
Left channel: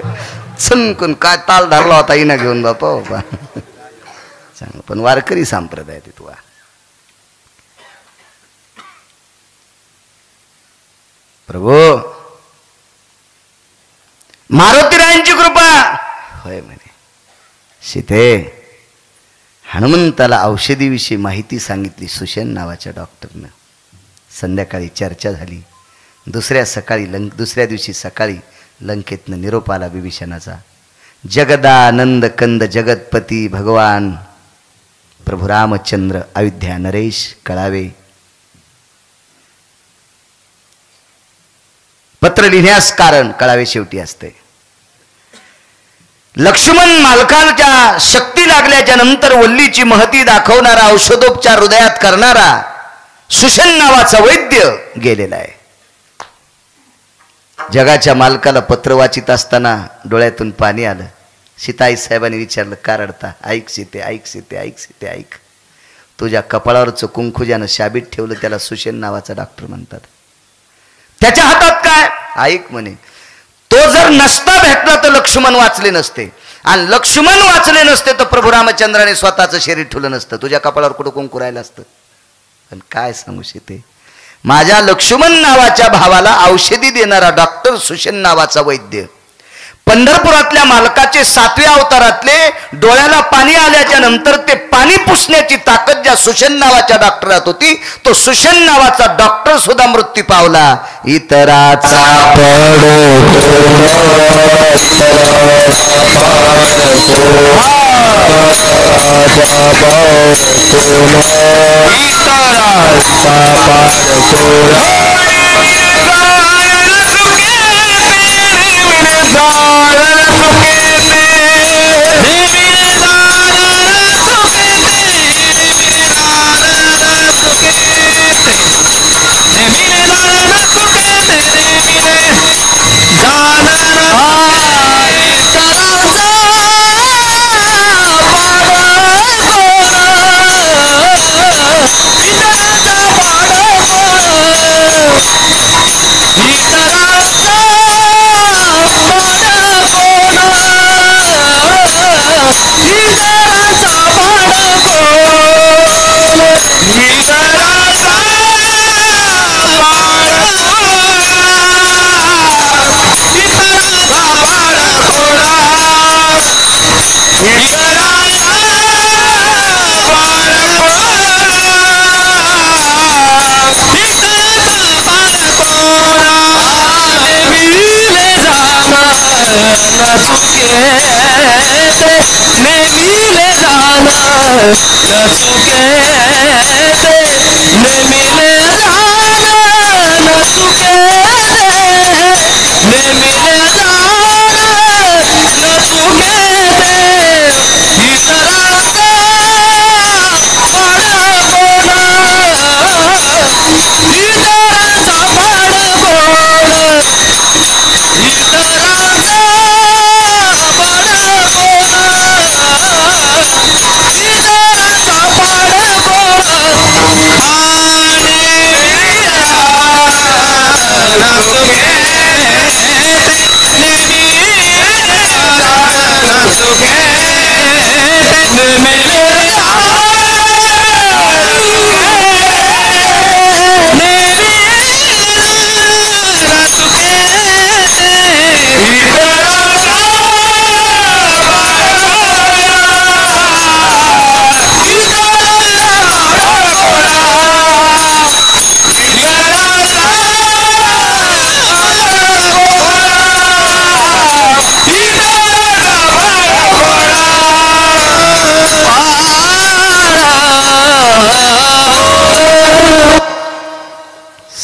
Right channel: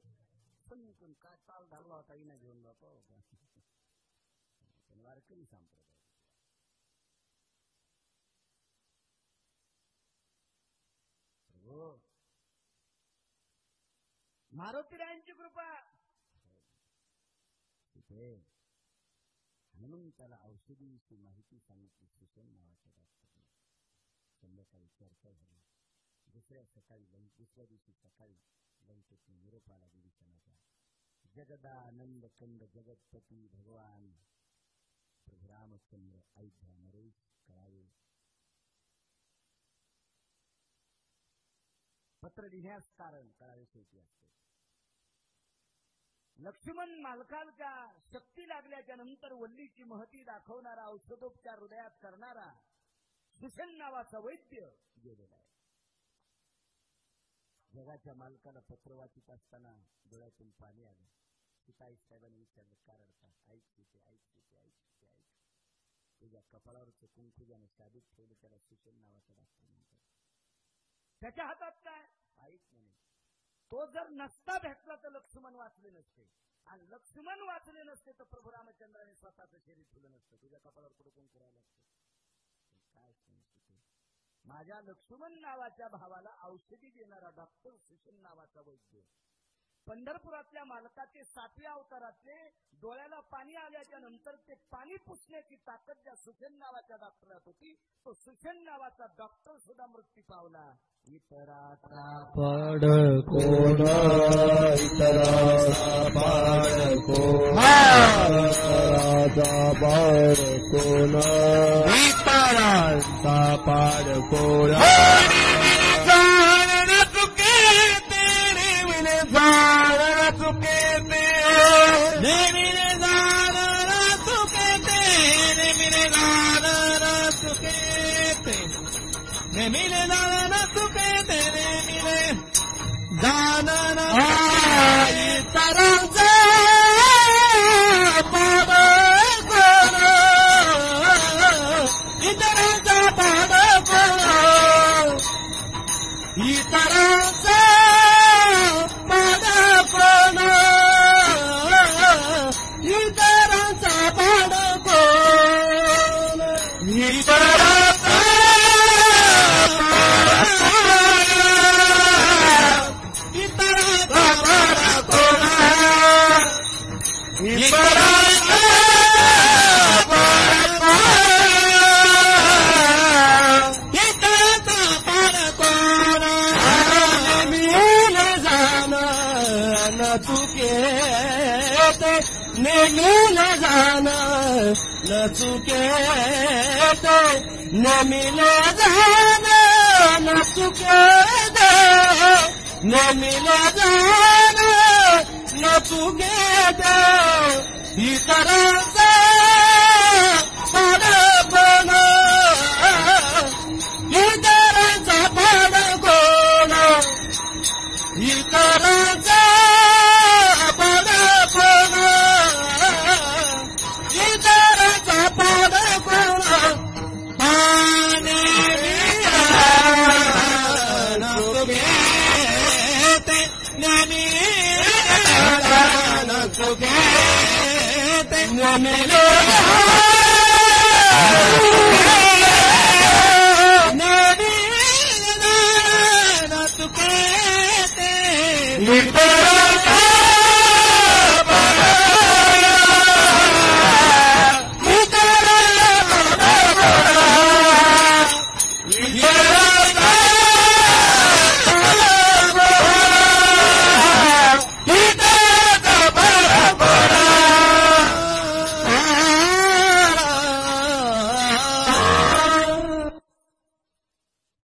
चणकन काय ताल धरला होता इना घेऊन बापा बापा. चांगलं, पण वारकरी संप्रदाय ते तुला. प्रभू मारुतीरायांची कृपा होय म्हणे. सीते हनुमंताला औषधीविषयी माहिती सांगितली सुषेण नावाच्या डॉक्टरनं. संध्याकाळी चर्चा झाली. दुसऱ्या दिवशी सकाळी लंकेतनं निरोप आला विभीषणाचा. जगदानंद कंद जगतपती भगवान प्रभू रामचंद्र अयोध्या नरेश कळावे. पत्र लिहिण्यास कारण कळावे शेवटी असते. लक्ष्मण मालकांच्या शक्ती लागल्याच्या नंतर वल्लीची महती दाखवणारा, औषधोपचार हृदयात करणारा सुशन नावाचा वैद्य गेलेला आहे. जगाच्या मालकाला पत्र वाचित असताना डोळ्यातून पाणी आलं. सीताई साहेबांनी विचारलं, का रडता? ऐक सीते, ऐक सीते, ऐक सीते, ऐक. तुझ्या कपाळावरचं कुंकू ज्यानं शाबीत ठेवलं त्याला सुशन नावाचा डॉक्टर म्हणतात. त्याच्या हातात काय? ऐक म्हणे, तो जर नसता भेटला तर लक्ष्मण वाचले नसते, आणि लक्ष्मण वाचले नसते तर प्रभू रामचंद्राने स्वतःचं शरीर ठेवलं नसतं. तुझ्या कपाळावर कुठं कुंकू राहिलं असतं. पण काय सांगू शकते, माझ्या लक्ष्मण नावाच्या भावाला औषधी देणारा डॉक्टर सुशन नावाचा वैद्य, पंढरपुरातल्या मालकाचे 7व्या अवतारातले, डोळ्याला पाणी आल्याच्या नंतर ते पाणी पुसण्याची ताकद ज्या सुशन नावाच्या डॉक्टरात होती, तो सुशन नावाचा डॉक्टर सुद्धा मृत्यू पावला. इतराचा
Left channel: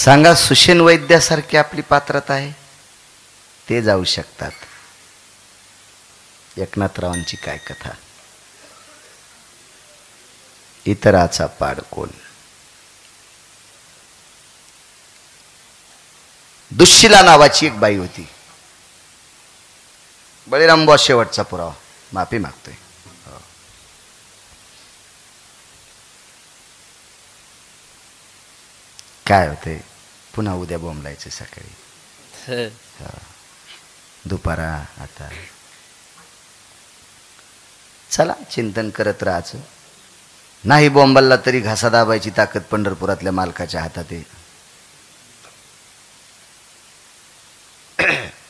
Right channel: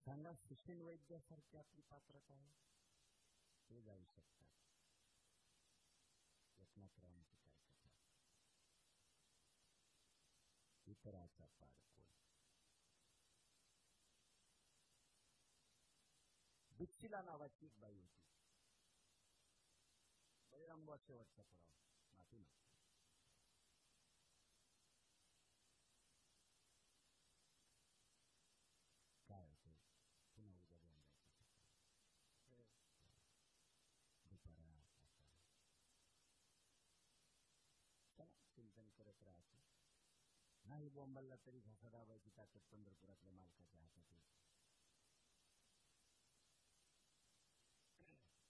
सांगा, सुशन वैद्यासारखी आपली पात्रता आहे, ते जाऊ शकतात. एकनाथरावांची काय कथा. इतराचा पाड कोण. दुःशिला नावाची एक बाई होती. बळीराम बॉस शेवटचा पुरावा, माफी मागतोय. काय होते, पुन्हा उद्या बोंबलायचे सकाळी, दुपारा. आता चला चिंतन करत राहायचं. नाही बोंबलला तरी घासा दाबायची ताकद पंढरपुरातल्या मालकाच्या हातात आहे.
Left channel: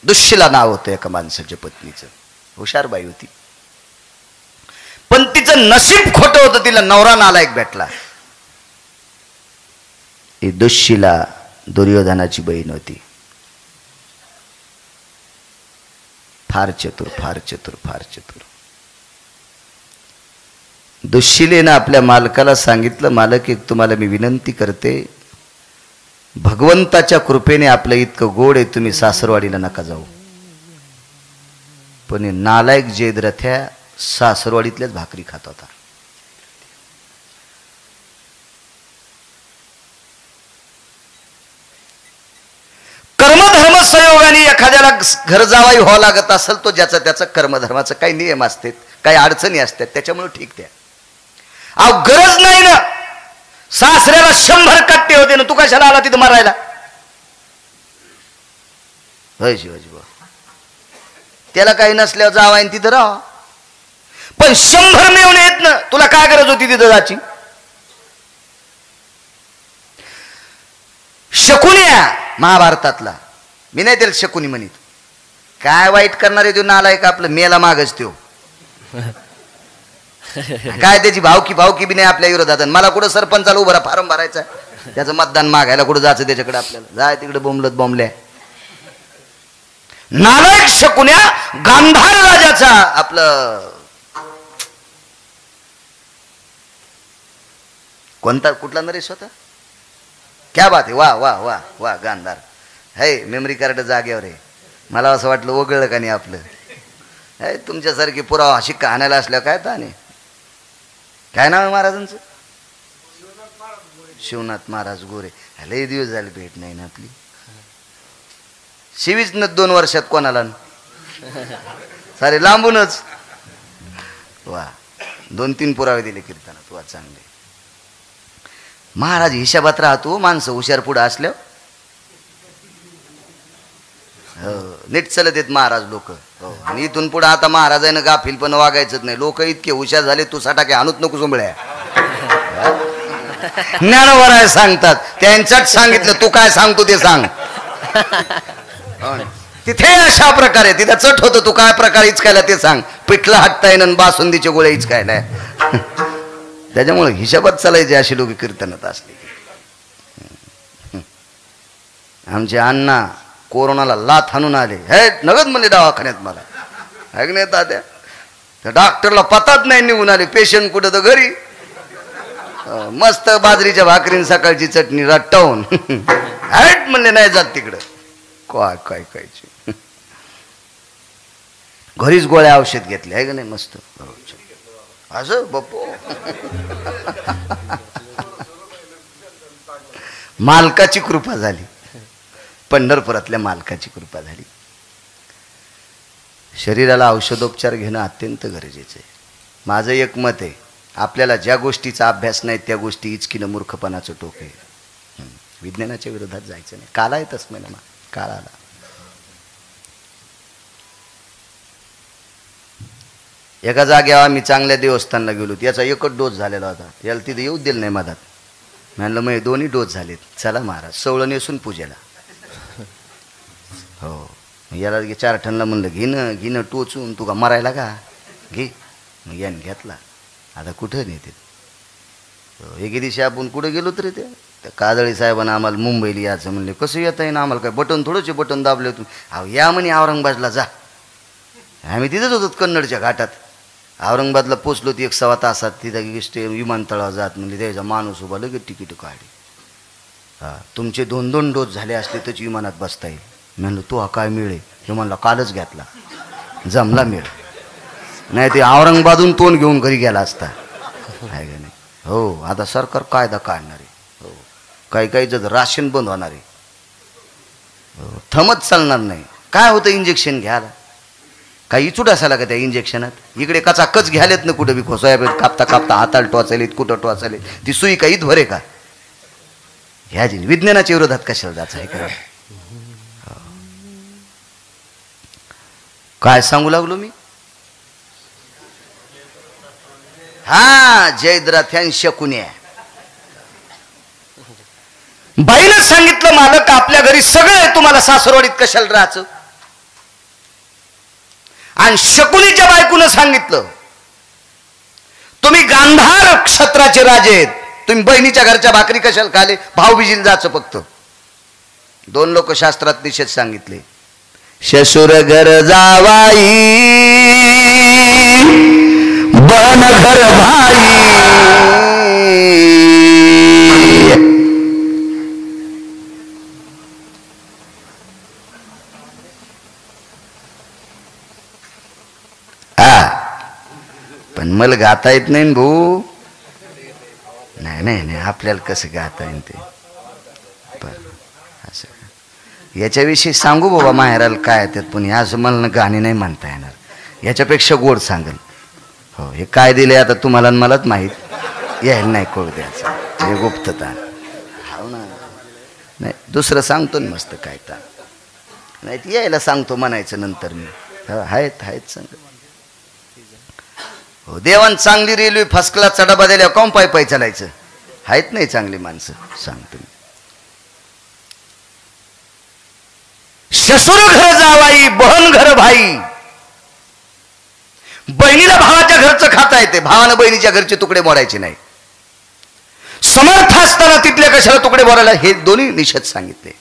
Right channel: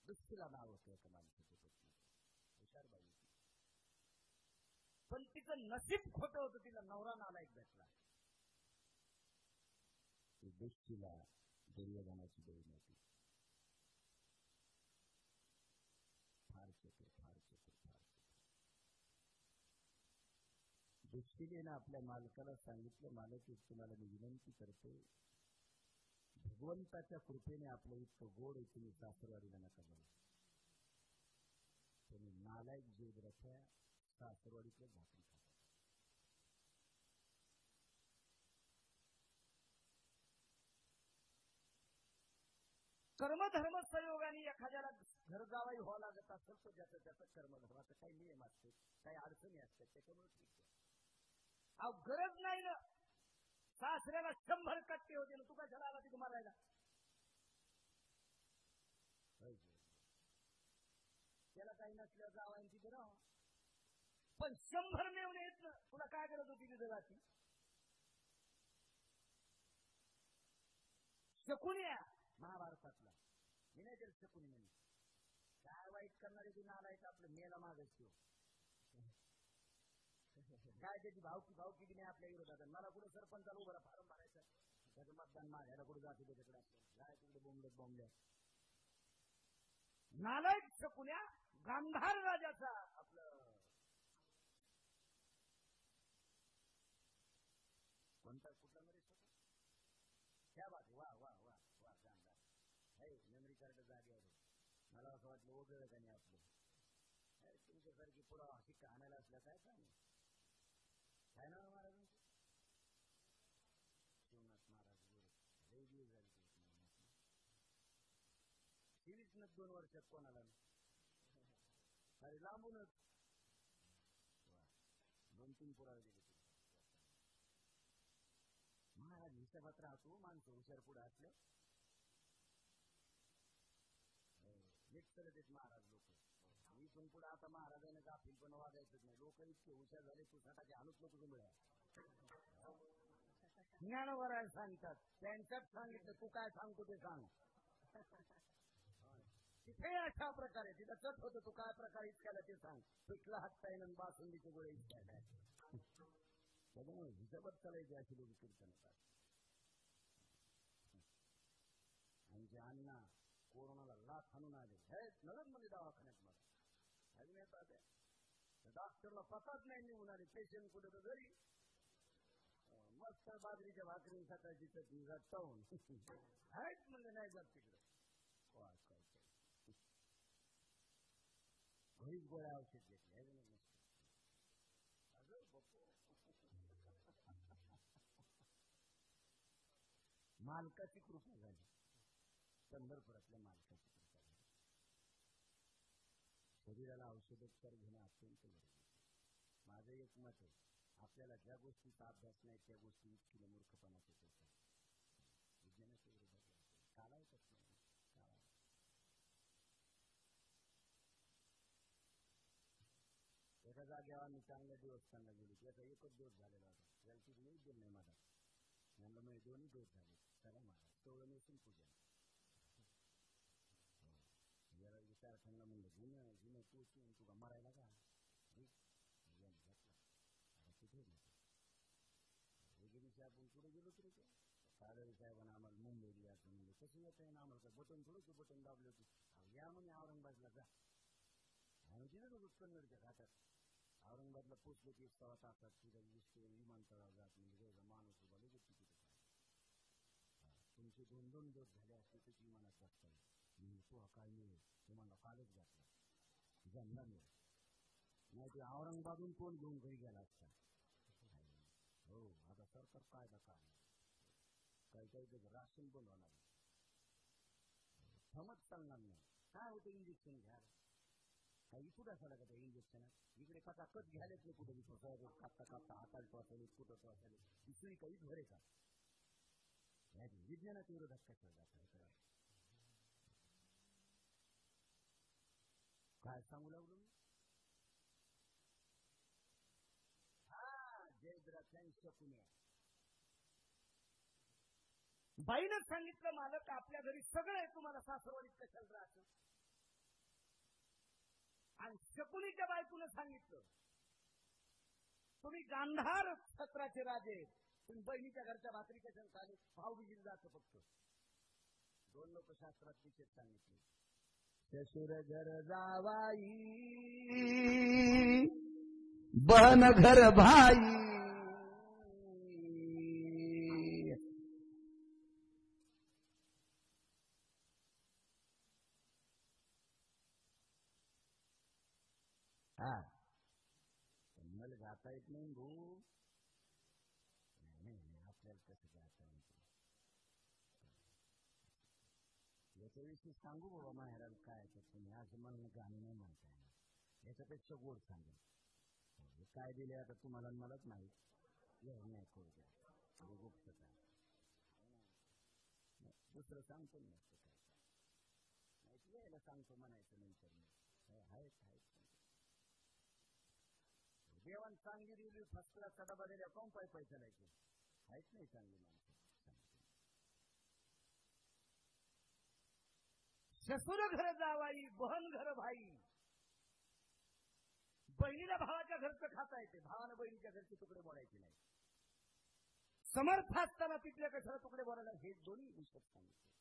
दुःशिला नाव होतं एका माणसाच्या पत्नीचं. हुशार बाई होती, पण तिचं नशीब खोटं होतं. तिला नवरा नालायक भेटला. ही दुःशिला दुर्योधनाची बहीण होती. फार चतुर, फार चतुर, फार चतुर. दुःशिलेनं आपल्या मालकाला सांगितलं, मालक एक तुम्हाला मी विनंती करते, भगवंताच्या कृपेने आपलं इतकं गोड आहे, तुम्ही सासरवाडीला नका जाऊ. पण नालायक जयद्रथ्या सासरवाडीतल्याच भाकरी खात होता. कर्मधर्म संयोगाने एखाद्याला घर जावाई व्हावं लागत असेल, तो ज्याचं त्याचं कर्मधर्माचं काही नियम असतात, काही अडचणी असतात, त्याच्यामुळे ठीक त्या. अहो गरज नाही ना, सासऱ्याला 100 कट्टे होते ना, तू कशाला आला तिथं मारायला? होय शिवाजी बाबा, त्याला काही नसल्यावर जावाय तिथं राहा, पण 100 मिळून येत ना, तुला काय गरज होती तिथं जायची? शकुनिया महाभारतातला, मी नाही त्याला शकुनी म्हणित, काय वाईट करणार आहे तो नालायक, आपलं मेला मागच तो. काय त्याची भावकी बी नाही आपल्या विरोधात. मला कुठं सरपंचाला उभा फार्म भरायचा, त्याचं मतदान मागायला कुठं जायचं त्याच्याकडे, आपल्याला जाय तिकडे बोंबलत बोंबल्या. नालायक शकुन्या गांधार राजाचा आपलं कोणता कुठला नरेश होता? क्या बात आहे, वा वा वा वा, गांधार है. मेमरी कार्ड जागेवर आहे. मला असं वाटलं ओगळलं का नाही आपलं. है तुमच्यासारखी पुरावा शिक्का आणायला असल्या काय ताने. काय नाव आहे महाराजांचं? शिवनाथ महाराज गोरे. लय दिवस झाले भेट नाही ना आपली. शिवीच न 2 वर्षात कोणाला सारे लांबूनच. वा 2-3 पुरावे दिले कीर्तनात. वा चांगले. महाराज हिशाबात राहतो, माणसं हुशार पुढे असल्यावर नीट चलत येत महाराज लोक. आणि इथून पुढे आता महाराजांना गाफील पण वागायचंच नाही. लोक इतके हुशार झाले, तू सटाके आणूत नको सोंबळ्या. ज्ञानवराय सांगतात, त्यांच्यात सांगितलं, तू काय सांगतो ते सांग. तिथे अशा प्रकारे तिथं चट होतं, तू काय प्रकार इचकायला ते सांग. पिठलं हाटता येणं, बासुंदीचे गोळे इचकायला. त्याच्यामुळे हिशोबात चालायचे अशी लोक कीर्तनात असले. आमचे अण्णा कोरोनाला लाथ हाणून आले, हे नगद म्हणले दवाखान्यात. मला ऐकण्यात आल्या, त्या डॉक्टरला पताच नाही, निघून आले. पेशंट कुठं तर घरी, मस्त बाजरीच्या भाकरीन सकाळची चटणी रट्टावून हॅट म्हणले, नाही जात तिकडं. काय काय कायची घरीच गोळ्या औषध घेतले आहे का नाही मस्त असं बापू. मालकाची कृपा झाली, पंढरपुरातल्या मालकाची कृपा झाली. शरीराला औषधोपचार घेणं अत्यंत गरजेचं आहे. माझं एक मत आहे, आपल्याला ज्या गोष्टीचा अभ्यास नाही त्या गोष्टी इचकीनं मूर्खपणाचं टोक आहे. विज्ञानाच्या विरोधात जायचं नाही. काला येतच नाही ना, काळाला. एका जागेवर आम्ही चांगल्या देवस्थानला गेलो, याचा एकच डोस झालेला होता. याला तिथे येऊ दिलं नाही मधात. म्हणलं मग 2 डोस झालेत, चला महाराज सवळं नेसून पूजेला. हो याला 4 टनला म्हणलं घेणं टोचून, तू का मरायला का घे. मग याने घेतला. आता कुठं नेते. एके दिवशी आपण कुठं गेलो तरी त्या काजळी साहेबांना आम्हाला मुंबईला यायचं म्हणले. कसं येता येईन आम्हाला, काय बटन थोडंचे बटन दाबले तू. अहो या म्हणे औरंगाबादला जा. आम्ही तिथंच होतो कन्नडच्या घाटात. औरंगाबादला पोचलो ती 1.25 तासात. तिथं विमानतळावर जात म्हणजे त्याचा माणूस उभा लगेच तिकीट काढली. हा तुमचे 2 डोस झाले असले तर विमानात बसता येईल. म्हणलं तू हा काय मिळे. हे म्हणला कालच घेतला, जमला मिळ. नाही ते औरंगाबादून तोंड घेऊन घरी गेला असता. आहे का नाही. हो आता सरकार कायदा काढणार आहे. हो काही काहीचं राशन बंद होणार आहे. हो थमत चालणार नाही. काय होतं इंजेक्शन घ्यायला, काही इचूट असायला का त्या इंजेक्शनात. इकडे कचाकच घ्यालेत ना कुठं बी खोसाय कापता कापता हाताला टोचालेत, कुठं टोचाले. ती सुई काही भरे का ह्या जी विज्ञानाच्या विरोधात कशाला जायचं आहे का. काय सांगू लागलो मी. हा जयद्रथ्यान शकुन्या बाईनं सांगितलं, मालक आपल्या घरी सगळं आहे, तुम्हाला सासरवाडीत कशाला राहायचं. आणि शकुनीच्या बायकोनं सांगितलं, तुम्ही गांधार क्षत्राचे राजे आहेत, तुम्ही बहिणीच्या घरच्या भाकरी कशाला खाले, भाऊबीजीला जायचं फक्त. 2 लोक शास्त्रात निषेध सांगितले. शशुर घर जावाई बन घर भाई. पण मला गाता येत नाही न भाऊ. नाही नाही नाही, आपल्याला कसं गाता येईल ते. असं याच्याविषयी सांगू बाबा माहेराला काय त्यात, पण असं मला गाणी नाही म्हणता येणार. याच्यापेक्षा गोड सांगेल. हो, हे काय दिले आता तुम्हाला मलाच माहीत, यायला नाही कळू द्यायचं, हे गुप्तता. हो ना, नाही दुसरं सांगतो ना मस्त काय तर, नाही यायला सांगतो म्हणायचं नंतर मी. आहेत सांग. हो, देवान चांगली रेल्वे फर्स्ट क्लास चढा दिल्यावर काऊन पाय पाय चालायचं. आहेत नाही चांगली माणसं, सांगतो मी. शसूर घर जावाई, बहन घर भाई. बहिणीला भावाच्या घरचं खाता येते, भावानं बहिणीच्या घरचे तुकडे मोडायचे नाही. समर्थ असताना तिथल्या कशाला तुकडे मोडायला, हे दोन्ही निषेध सांगितले.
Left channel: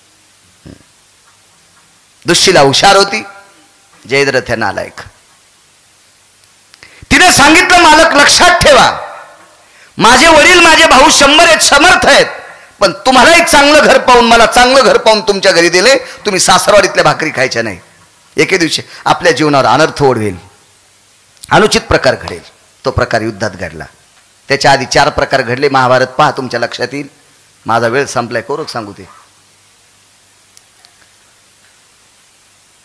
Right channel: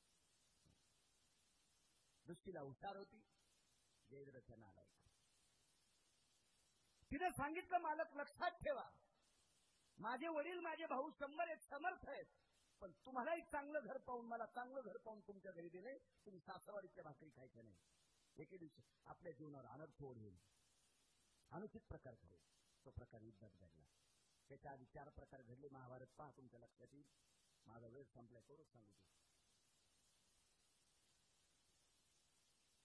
दुष्शीला हुशार होती, जयद्रथ नालायक. तिने सांगितलं, मालक लक्षात ठेवा, माझे वडील माझे भाऊ 100 आहेत, समर्थ आहेत, पण तुम्हालाही चांगलं घर पाहून, मला चांगलं घर पाहून तुमच्या घरी दिले, तुम्ही सासरवाडीतल्या भाकरी खायच्या नाही. एके दिवशी आपल्या जीवनावर अनर्थ ओढवेल, अनुचित प्रकार घडेल. तो प्रकार युद्धात घडला. त्याच्या आधी 4 प्रकार घडले. महाभारत पहा, तुमच्या लक्षात येईल. माझा वेळ संपलाय, कोरक सांगू ते.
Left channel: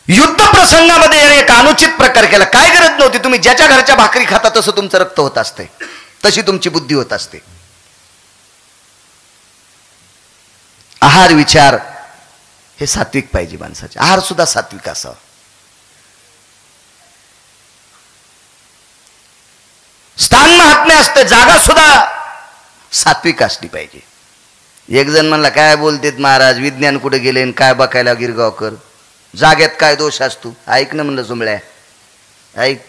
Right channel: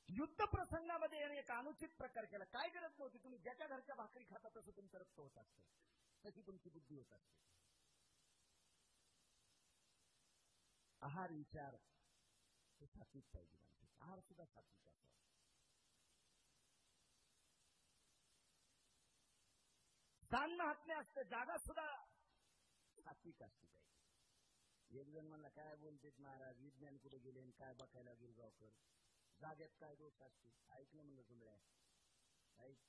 युद्ध प्रसंगामध्ये एक अनुचित प्रकार केला. काय गरज नव्हती. तुम्ही ज्याच्या घरच्या भाकरी खाता तसं तुमचं रक्त होत असते, तशी तुमची बुद्धी होत असते. आहार विचार हे सात्विक पाहिजे माणसाचे. आहार सुद्धा सात्विक असावा. स्थान महात्म्य असते, जागा सुद्धा सात्विक असली पाहिजे. एक जण म्हणला, काय बोलतेत महाराज, विज्ञान कुठे गेले आणि काय बघायला गिरगावकर, जागेत काय दोष असतो. ऐक ना म्हणलं जुमळ्या, ऐक,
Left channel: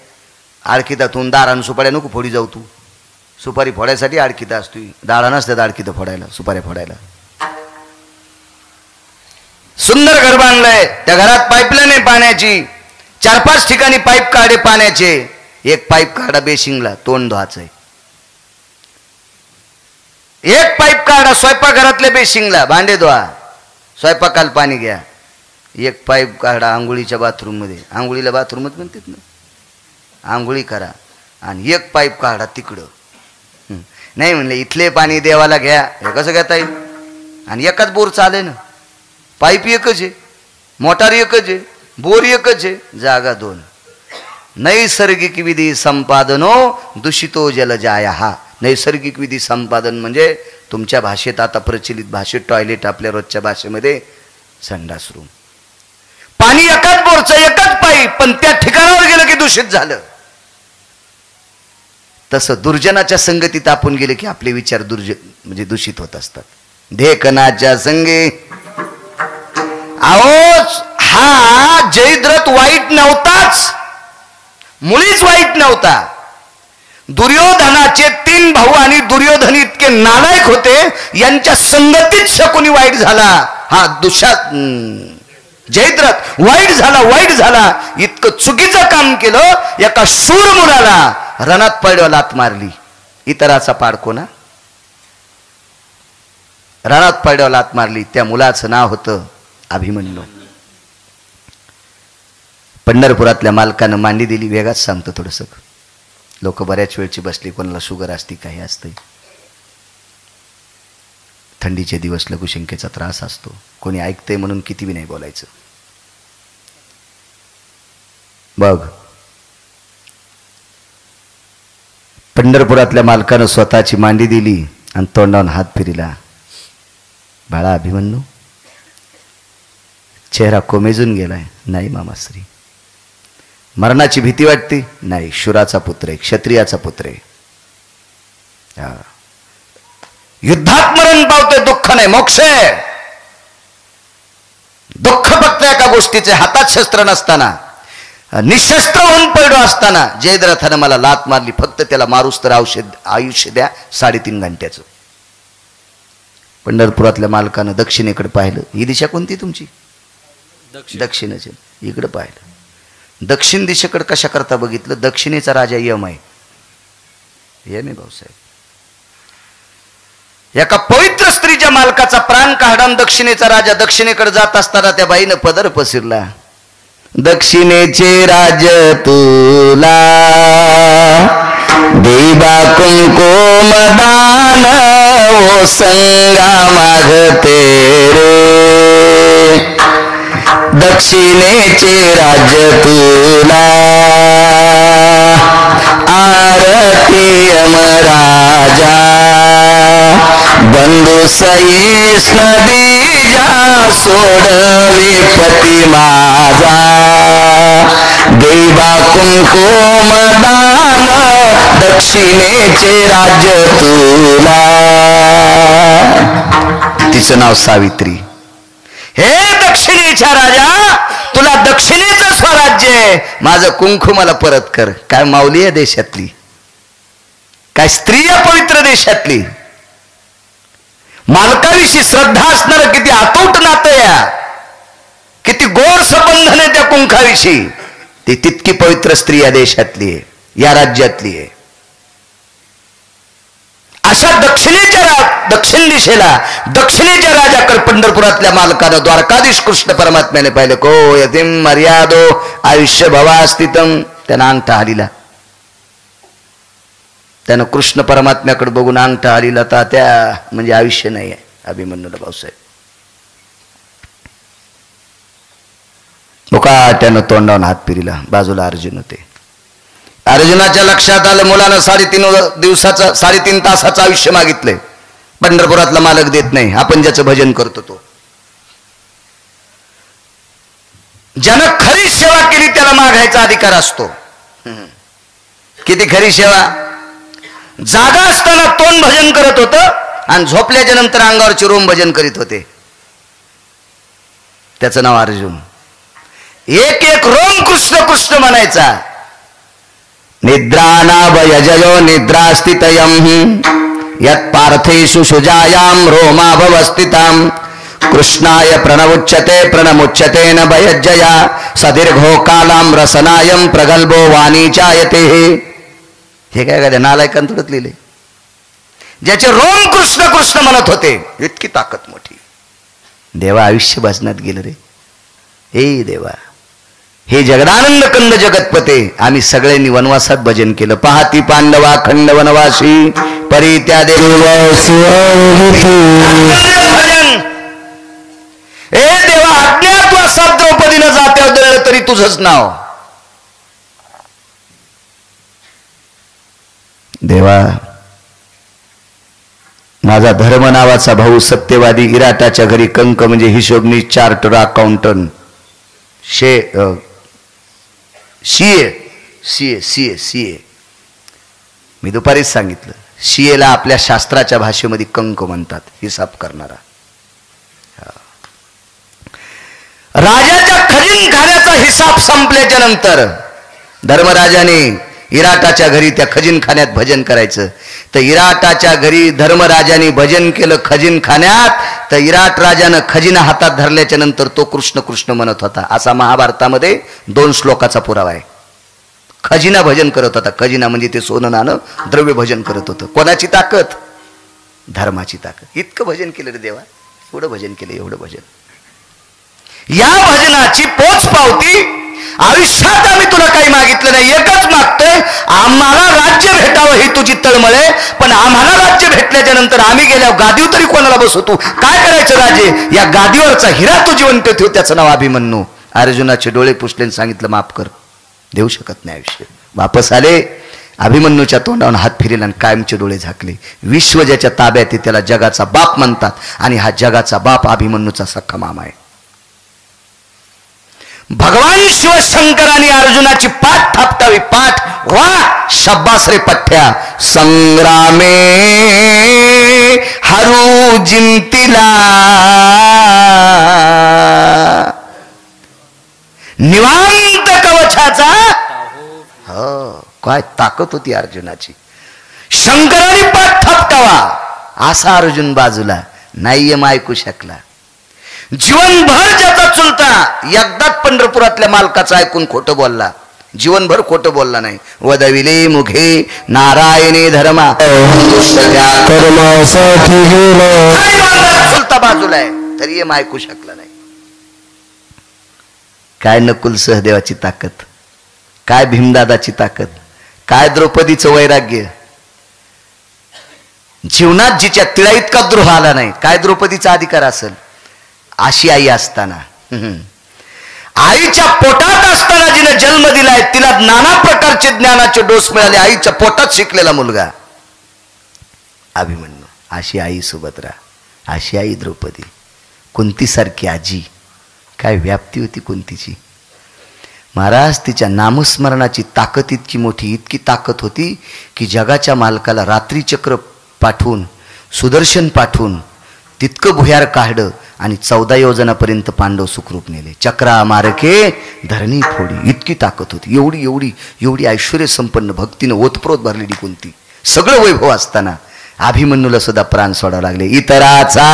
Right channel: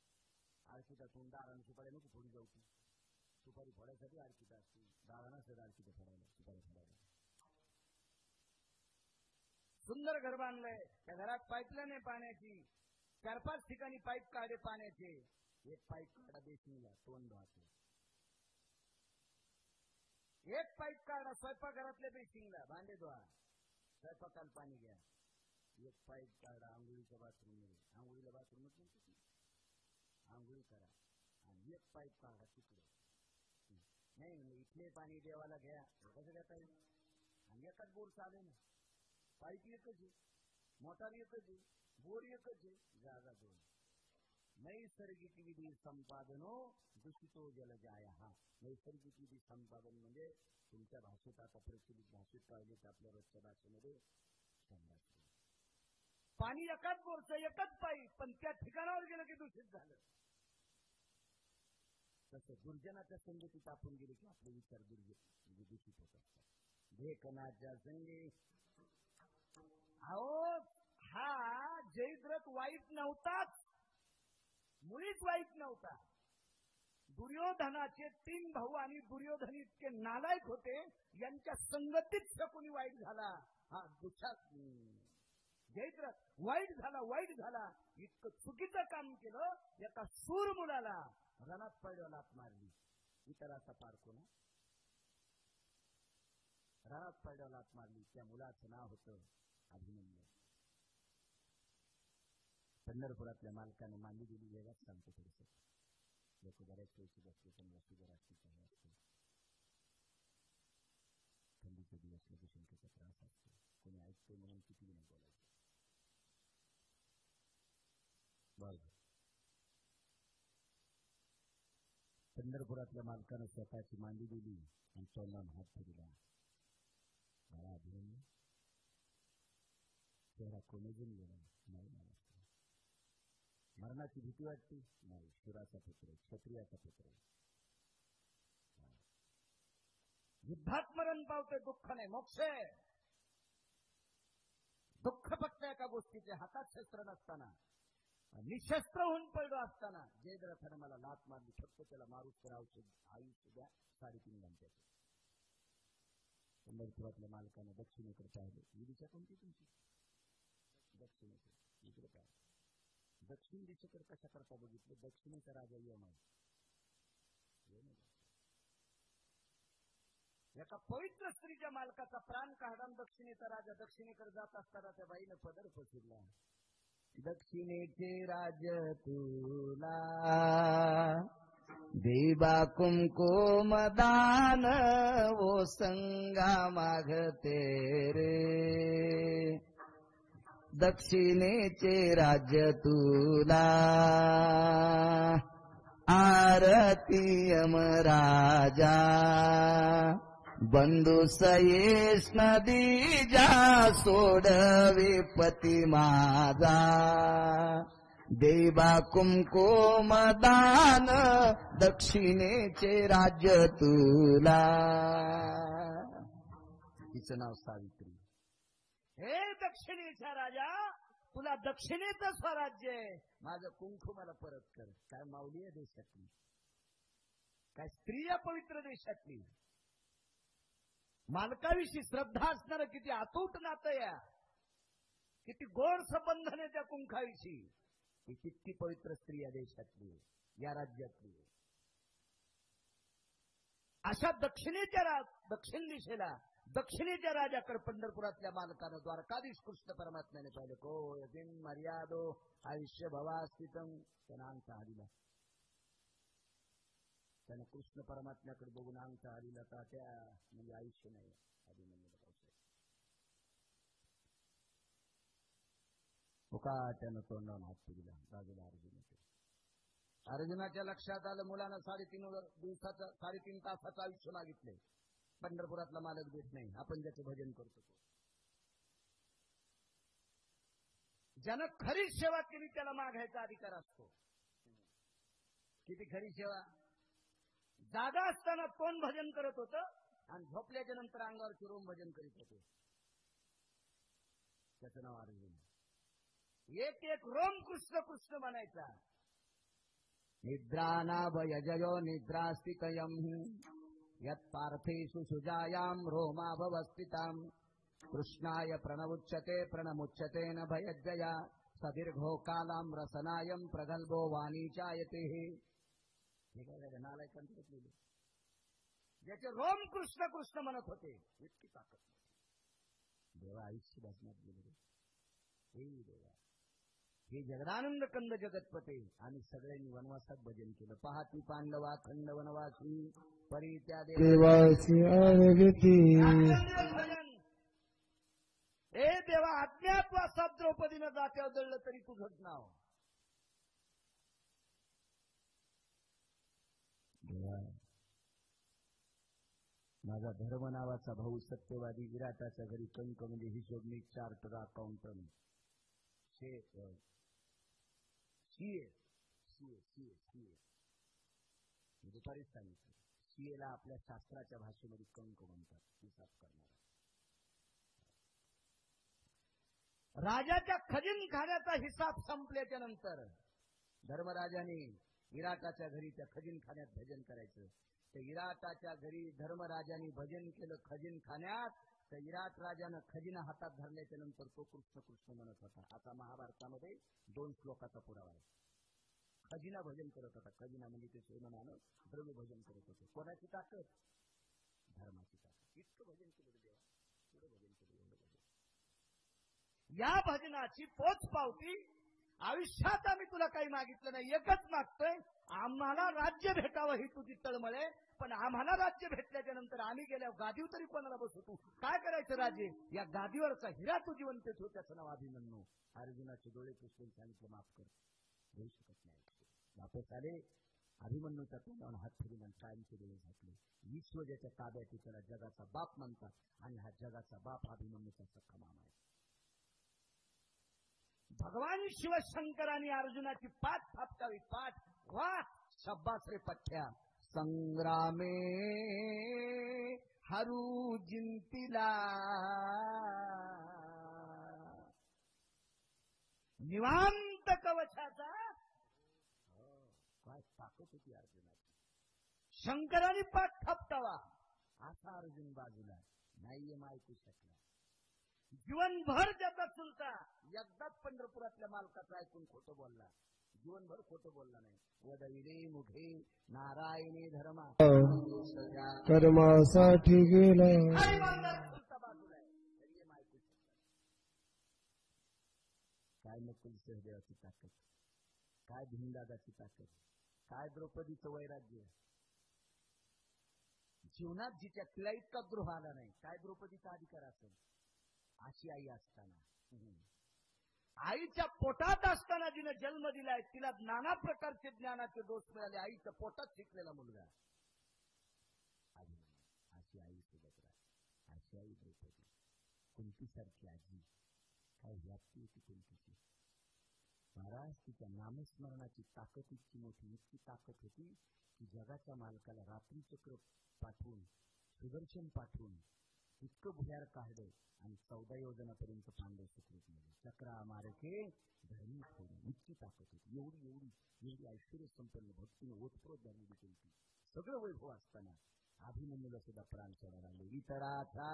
आडकितातून दारान सुपाऱ्या नको फोडी जाऊ. तू सुपारी फोडायसाठी आडकिता असतो, दारा नसतात आडकिता फोडायला, सुपाऱ्या फोडायला. सुंदर घर बांधलंय, त्या घरात पाईपलाईन आहे पाण्याची, 4-5 ठिकाणी पाईप काढे पाण्याचे. एक पाईप काढा बेसिंगला, तोंड धुवायचंय. एक पाईप काढा स्वयंपाकघरातल्या बेसिंगला, भांडे धुवा, स्वयंपाकाला पाणी घ्या. एक पाईप काढा आंघोळीच्या बाथरूम मध्ये, आंघोळीला बाथरूमच म्हणतात ना, आंघोळी करा. आणि एक पाईप काढा तिकडं. नाही म्हणले इथले पाणी देवाला घ्या, हे कसं घेता येईल. आणि एकाच बोर चाले ना, पाईप एकच आहे, मोटार एकच आहे, बोर एकच आहे, जागा 2. नैसर्गिक विधी संपादनो दूषितो जल जाया. हा नैसर्गिक विधी संपादन म्हणजे तुमच्या भाषेत, आता प्रचलित भाषेत टॉयलेट, आपल्या रोजच्या भाषेमध्ये संडास रूम. पाणी एकाच बोरचं, एकाच पाईप, पण त्या ठिकाणावर गेलं की दूषित झालं. तसं दुर्जनाच्या संगतीत आपण गेले की आपले विचार म्हणजे दूषित होत असतात. देखनाच्या संगे. आओ, हा जयद्रथ वाईट नव्हताच, मुळीच वाईट नव्हता. दुर्योधनाचे 3 भाऊ आणि दुर्योधन इतके नालायक होते, यांच्या संगतीत शकुनी वाईट झाला. हा जयद्रथ वाईट झाला. इतकं चुकीचं काम केलं, एका शूर मुलाला रणात पडल्यावर लात मारली. इतराचा पाडको ना, रणात पडल्यावर लात मारली. त्या मुलाचं नाव होतं अभिमन्यू. पंढरपुरातल्या मालकानं मांडी दिली. वेगाच सांगतो थोडंसं, लोक बऱ्याच वेळची बसली, कोणाला शुगर असते, काही असते, थंडीचे दिवस लघुशंकेचा त्रास असतो, कोणी ऐकतंय म्हणून किती बी नाही बोलायचं. बघ, पंढरपुरातल्या मालकानं स्वतःची मांडी दिली आणि तोंडावून हात फिरला. बाळा अभिमन्यू, चेहरा कोमेजून गेलाय. नाही मामाश्री. मरणाची भीती वाटते? नाही. शूराचा पुत्र आहे, क्षत्रियाचा पुत्र आहे. युद्धात मरण पावते, दुःख नाही, मोक्ष आहे. दुःख फक्त एका गोष्टीचे, हातात शस्त्र नसताना, निशस्त्र होऊन पडलो असताना जयद्रथानं मला लात मारली. फक्त त्याला मारूस तर आयुष्य द्या 3.5 घंट्याचं. पंढरपुरातल्या मालकानं दक्षिणेकडे पाहिलं. ही दिशा कोणती तुमची? दक्षिणेची. इकडे पाहिलं. दक्षिण दिशेकडे कशा करता बघितलं? दक्षिणेचा राजा यम आहे. यम आहे भाऊसाहेब. एका पवित्र स्त्रीच्या मालकाचा प्राण काढा. दक्षिणेचा राजा दक्षिणेकडे जात असताना त्या बाईनं पदर पसरला. दक्षिणेचे राज तुला देवा कुंकुम दान ओ संगा मागते रे दक्षिणेचे राज्य तुला आरती यमराजा बंधू सईस नदीजा सोडवी पती माझा देवा कुंकुम दान दक्षिणेचे राज्य तुला. तिचं नाव सावित्री. हे दक्षिणेच्या राजा तुला दक्षिणेचं स्वराज्य आहे, माझं कुंकू मला परत कर. काय माऊली आहे देशातली, काय स्त्री पवित्र देशातली. मालकाविषयी श्रद्धा असणार किती अतूट नातं या, किती गोड संबंधन आहे त्या कुंकाविषयी. ती तितकी पवित्र स्त्री या देशातली आहे, या राज्यातली आहे. अशा दक्षिण दिशेला दक्षिणेच्या राजाकडे पंढरपुरातल्या मालकानं द्वारकाधीश कृष्ण परमात्म्याने पाहिलं. को यतीम मर्यादो आयुष्य भवास्थितम. त्यानं अंगठा हालिला. त्यानं कृष्ण परमात्म्याकडे बघून अंगठा हालिला. त्या म्हणजे आयुष्य नाही आहे अभिमन्यूला भाऊसाहेब. त्यानं तोंडावून हात फिरला. बाजूला अर्जुन होते. अर्जुनाच्या लक्षात आलं मुलानं 3.5 तासाचं आयुष्य मागितलंय. पंढरपुरातला मालक देत नाही. आपण ज्याचं भजन करतो तो, ज्यानं खरी सेवा केली त्याला मागायचा अधिकार असतो. किती खरी सेवा. जागा असताना तोंड भजन करत होतं आणि झोपल्याच्या नंतर अंगावरची रोम भजन करीत होते. त्याचं नाव अर्जुन. एक एक रोम कृष्ण कृष्ण म्हणायचा. निद्रानाभयजयो निद्रास्थितयं यत् पार्थेषु सुजायां रोमाभवस्थितां कृष्णाय प्रणमुच्यते प्रणमुच्यते न भयज्जया सदीर्घो कालां रसनायं प्रगल्भो वाणीचायते. हे काय काय नालायकांत थोडत लिहिले. ज्याचे रोम कृष्ण कृष्ण म्हणत होते. इतकी ताकद मोठी. देवा आयुष्य भजनात गेलं रे. हे देवा, हे जगदानंद कंद जगतपते, आम्ही सगळ्यांनी वनवासात भजन केलं. पाहती पांडवा खंड वनवासी परी त्या भजन. हे देवा अज्ञातवासात द्रौपदीनं जात्यावर दळलं तरी तुझंच नाव. देवा माझा धर्म नावाचा भाऊ सत्यवादी इराटाच्या घरी कंक म्हणजे हिशोबनी चार्टर अकाउंटंट सीए. मी दुपारीच सांगितलं सीएला आपल्या शास्त्राच्या भाषेमध्ये कंक म्हणतात, हिसाब करणारा. राजाच्या खजिनखान्याचा हिसाब संपल्याच्या नंतर धर्मराजाने इराटाच्या घरी त्या खजिनखान्यात भजन करायचं. तर इराटाच्या घरी धर्मराजाने भजन केलं खजिनखान्यात. तर इराट राजानं खजिना हातात धरल्याच्या नंतर तो कृष्ण कृष्ण म्हणत होता. असा महाभारतामध्ये 2 श्लोकाचा पुरावा आहे. खजिना भजन करत होता. खजिना म्हणजे ते सोनं नाणं द्रव्य भजन करत होतं. कोणाची ताकद? धर्माची ताकद. इतकं भजन केलं रे देवा. एवढं भजन केलं, एवढं भजन. या भजनाची पोच पावती आयुष्यात आम्ही तुला काही मागितलं नाही. एकच मागतोय, आम्हाला राज्य भेटावं ही तुझी तळमळे. पण आम्हाला राज्य भेटल्याच्या नंतर आम्ही गेल्यावर गादीवर तरी कोणाला बसवतो? काय करायचं राजे? या गादीवरचा हिरा तू जिवंत ठेव. त्याचं नाव अभिमन्यू. अर्जुनाचे डोळे पुसले, सांगितलं माफ कर. देऊ शकत नाही आयुष्य. वापस आले. अभिमन्यूच्या तोंडावरून हात फिरेल आणि कायमचे डोळे झाकले. विश्व ज्याच्या ताब्यात आहे त्याला जगाचा बाप म्हणतात. आणि हा जगाचा बाप अभिमन्यूचा सख्खा मामा आहे. भगवान शिवशंकरांनी अर्जुनाची पाठ थापटावी. पाठ वा शब्बास रे पठ्या. संग्रामे हरू जिंतिला निवांत कवचाचा. हो, काय ताकद होती अर्जुनाची. शंकराने पाठ थापटावा असा अर्जुन बाजूला नाही ऐकू शकला. जीवनभर ज्याचा चुलता एकदाच पंढरपुरातल्या मालकाचं ऐकून खोटं बोलला. जीवनभर खोटं बोलला नाही. वदविले मुखे नारायणी धर्मा चुलता बाजूला आहे तरी ऐकू शकला नाही. काय नकुल सहदेवाची ताकद, काय भीमदादाची ताकद, काय द्रौपदीचं वैराग्य. जीवनात जिच्या तिळा इतका द्रोह आला नाही. काय द्रौपदीचा अधिकार असेल? अशी आई असताना, आईच्या पोटात असताना जिने जन्म दिलाय, तिला नाना प्रकारचे ज्ञानाचे डोस मिळाले. आईच्या पोटात शिकलेला मुलगा अभिमन्यू. अशी आई सुभद्रा, अशी आई द्रौपदी, कुंतीसारखी आजी. काय व्याप्ती होती कुंतीची. महाराज, तिच्या नामस्मरणाची ताकद इतकी मोठी, इतकी ताकद होती की जगाच्या मालकाला रात्री चक्र पाठवून, सुदर्शन पाठवून तितकं भुयार काढलं आणि 14 योजनापर्यंत पांडव सुखरूप नेले. चक्रा मारके धरणी फोडी, इतकी ताकद होती. एवढी एवढी एवढी ऐश्वर्य संपन्न, भक्तीनं ओतप्रोत भरलेली कुंती. सगळं वैभव असताना अभिमन्यूला सुद्धा प्राण सोडावं लागले. इतराचा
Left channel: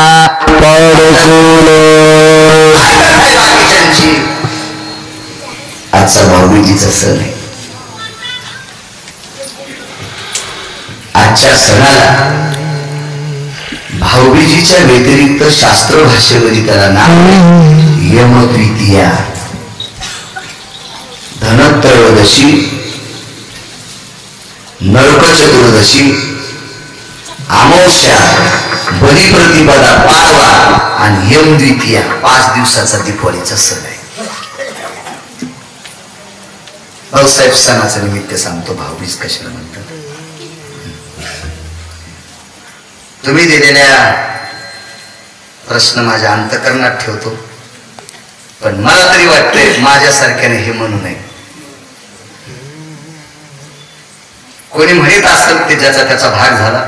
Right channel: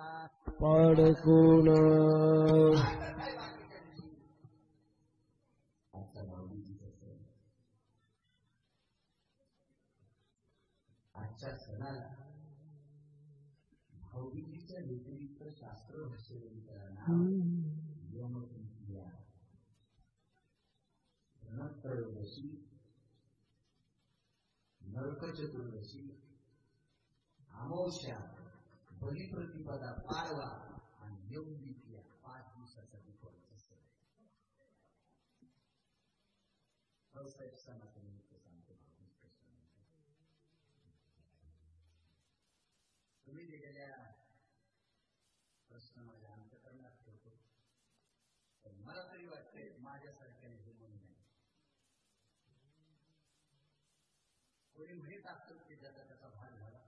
आजचा भाऊबीजीचा सण आहे. आजच्या सणाला भाऊबीजीच्या व्यतिरिक्त शास्त्र भाषेमध्ये त्याला नाव यमद्वितीया, धनत्रयोदशी, नरक चतुर्दशी, अमावस्या, बलिप्रतिपदा, पाडवा आणि यमद्वितीया 5 दिवसाचा दीपावलीचा सण आहे. भाऊसाहेब, सणाचं निमित्त सांगतो भाऊबीज कशाला म्हणतात. तुम्ही दिलेल्या प्रश्न माझ्या अंतकरणात ठेवतो, पण मला तरी वाटतंय माझ्यासारख्याने हे म्हणू नये. कोणी म्हणत असेल ते ज्याचा त्याचा भाग झाला,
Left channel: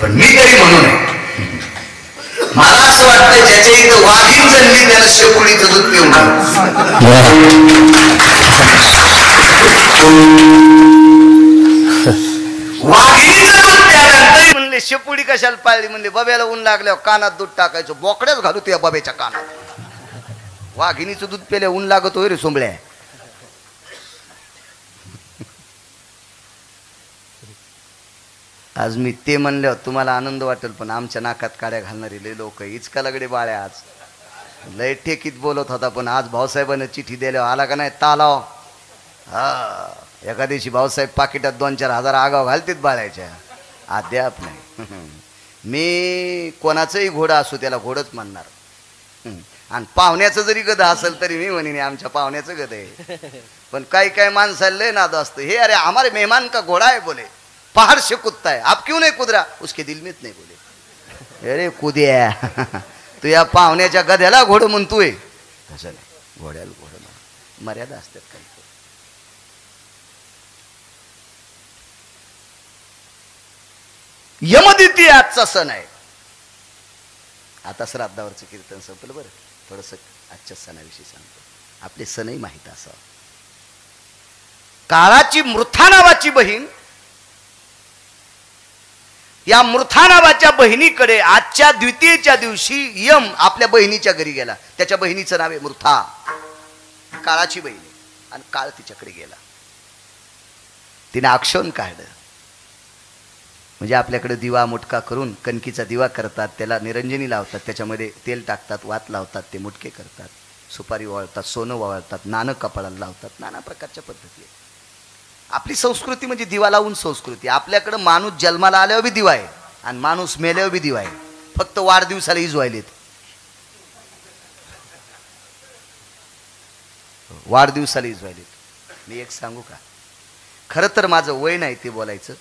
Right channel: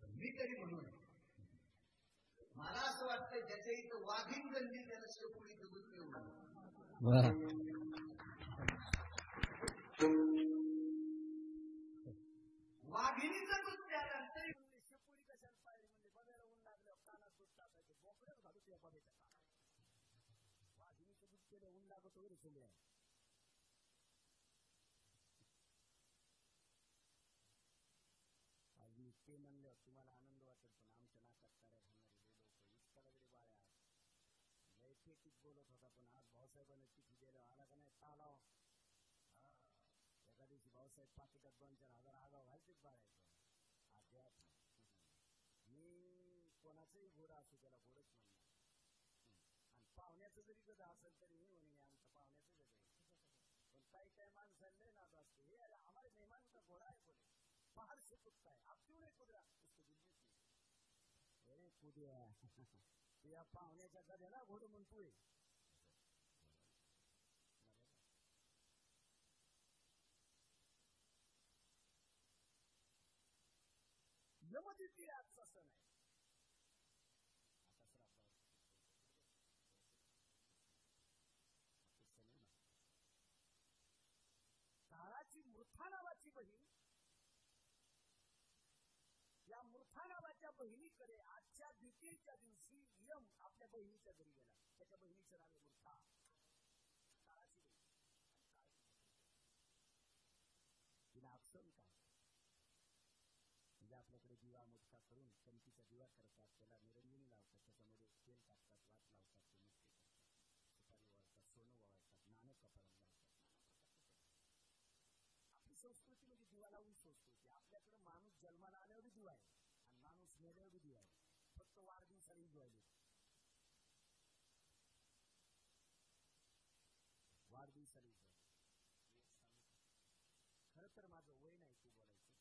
पण मी तरी म्हणू नये. मला असं वाटतं ज्याच्या इथं वाघीण जन्मी त्याला शेपुळीचं दूध पिऊन वाघिणीचं दूध प्यायला म्हणले शेपुडी कशाला पाळली? म्हणले बब्याला ऊन लागल्यावर कानात दूध टाकायचं, बोकड्याच घालू त्या बब्याच्या कानात. वाघिणीचं दूध प्यायला ऊन लागत होय रे सोंबळ्या. आज मी ते म्हणल्यावर तुम्हाला आनंद वाटेल, पण आमच्या नाकात काड्या घालणारी लय लोक. इचका लगडे बाळ्या आज लय ठेकीत बोलत होता, पण आज भाऊसाहेबांना चिठ्ठी द्यायला आला का नाही तालाव. हा, एका दिवशी भाऊसाहेब पाकिटात 2-4 हजार आगाव घालतीत बाळायच्या. अद्याप नाही. मी कोणाचंही घोडा असू त्याला घोडच म्हणणार. आणि पाहुण्याचं जरी गध असेल तरी मी म्हणेन आमच्या पाहुण्याचं गध आहे. पण काही काही माणसाला लय नाद असतं. हे अरे हमारे मेहमान का घोडा है, बोले पहाड़ से कुदता है, आप क्यों नहीं कुद रहा? उसके दिल में नाही बोले. अरे कुद्या, तू या पाहुण्याच्या गध्याला घोडं म्हणतोय. तसं नाही, घोड्याला घोडं मर्यादा असतात काही. यमद्वितीय आजचा सण आहे. आता श्राद्धावरचं कीर्तन संपलं. बरं, थोडस आजच्या सणाविषयी सांगतो. आपले सणही माहीत असावं. काळाची मृथा नावाची बहीण, या मृथा नावाच्या बहिणीकडे आजच्या द्वितीयेच्या दिवशी यम आपल्या बहिणीच्या घरी गेला. त्याच्या बहिणीचं नाव आहे मृथा, काळाची बहीण. आणि काळ तिच्याकडे गेला. तिने आक्षण काढलं. म्हणजे आपल्याकडे दिवा मुटका करून कणकीचा दिवा करतात, त्याला निरंजनी लावतात, त्याच्यामध्ये तेल टाकतात, वात लावतात, ते मुटके करतात, सुपारी वाळतात, सोनं वाळतात, नाणं कपाळाला लावतात. नाना प्रकारच्या पद्धती. आपली संस्कृती म्हणजे दिवा लावून संस्कृती. आपल्याकडे माणूस जन्माला आल्यावर बी दिवा आहे आणि माणूस मेल्यावर बी दिवा आहे. फक्त वाढदिवसाला इजवायलेत. वाढदिवसाला इजवायलेत. मी एक सांगू का? खरं तर माझं वय नाही ते बोलायचं.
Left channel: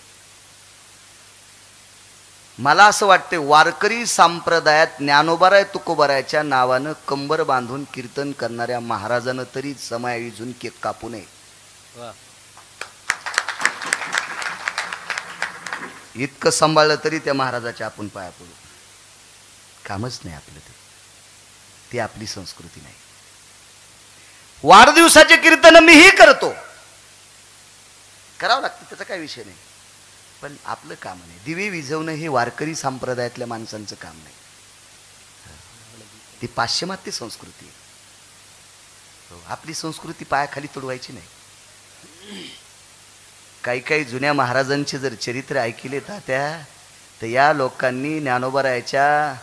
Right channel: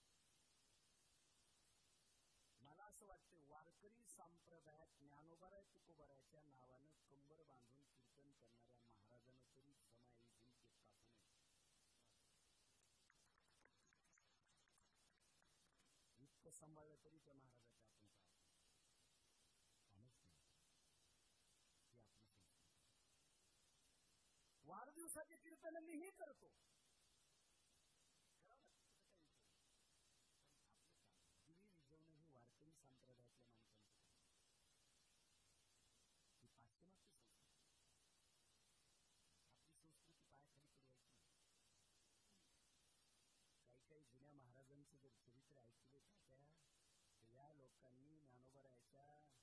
मला असं वाटते वारकरी संप्रदायात ज्ञानोबाराय तुकोबारायच्या नावानं कंबर बांधून कीर्तन करणाऱ्या महाराजानं तरी समायोजून केक कापू नये. इतकं सांभाळलं तरी त्या महाराजाच्या आपण पाया पडू. कामच नाही आपलं ते आपली संस्कृती नाही. वाढदिवसाचे कीर्तन मीही करतो, करावं लागतं, त्याचा काही विषय नाही. पण आपलं काम नाही. दिवे विझवणं हे वारकरी संप्रदायातल्या माणसांचं काम नाही. ती पाश्चिमात्य संस्कृती आहे. आपली संस्कृती पायाखाली तुडवायची नाही. काही काही जुन्या महाराजांचे जर चरित्र ऐकले तात्या, तर या लोकांनी ज्ञानोबारायच्या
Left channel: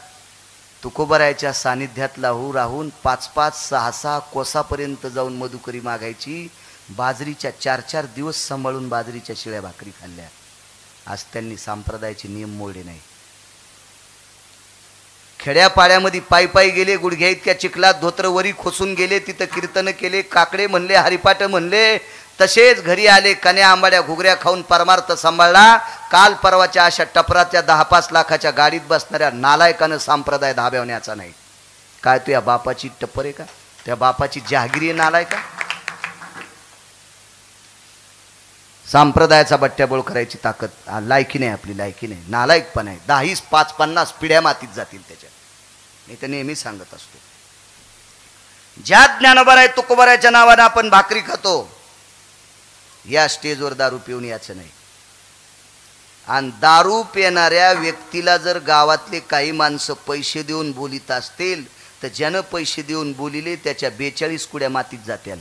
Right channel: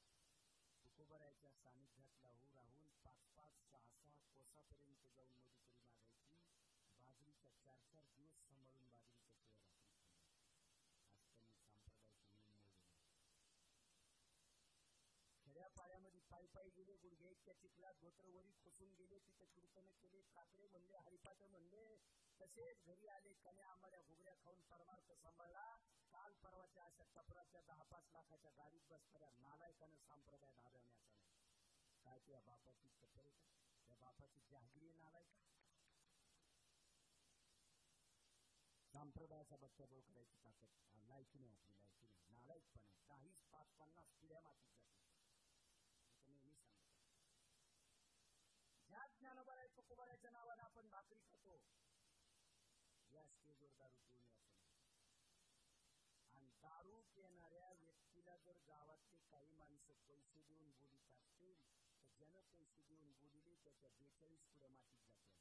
तुकोबारायच्या सानिध्यात राहून 5-5, 6-6 कोसापर्यंत जाऊन मधुकरी मागायची. बाजरीच्या 4-4 दिवस सांभाळून बाजरीच्या शिळ्या भाकरी खाल्ल्या. आज त्यांनी संप्रदायाचे नियम मोडले नाही. खेड्यापाड्यामध्ये पायी पायी गेले, गुडघ्या इतक्या चिखलात धोत्र वरी खोसून गेले, तिथं कीर्तन केले, काकडे म्हणले, हरिपाठ म्हणले, तसेच घरी आले, कन्या आंबाड्या घुगऱ्या खाऊन परमार्थ सांभाळला. काल परवाच्या अशा टपराच्या 10-5 लाखाच्या गाडीत बसणाऱ्या नालायकानं संप्रदाय धाब्यावण्याचा नाही. काय तू या बापाची टप्पर आहे का? त्या बापाची जहागिरी नालाय का? संप्रदायाचा बट्ट्याबोळ करायची ताकद लायकी नाही, आपली लायकी नाही, नालायकपण आहे. 10, 5, 50 पिढ्या मातीत जातील त्याच्यात. मी तर नेहमी सांगत असतो, ज्या ज्ञानोबा तुकोबाराच्या नावानं आपण भाकरी खातो, या स्टेजवर दारू पिऊन याचं नाही. आणि दारू पिणाऱ्या व्यक्तीला जर गावातले काही माणसं पैसे देऊन बोलित असतील, तर ज्यानं पैसे देऊन बोलिले त्याच्या 42 कुड्या मातीत जात्याल.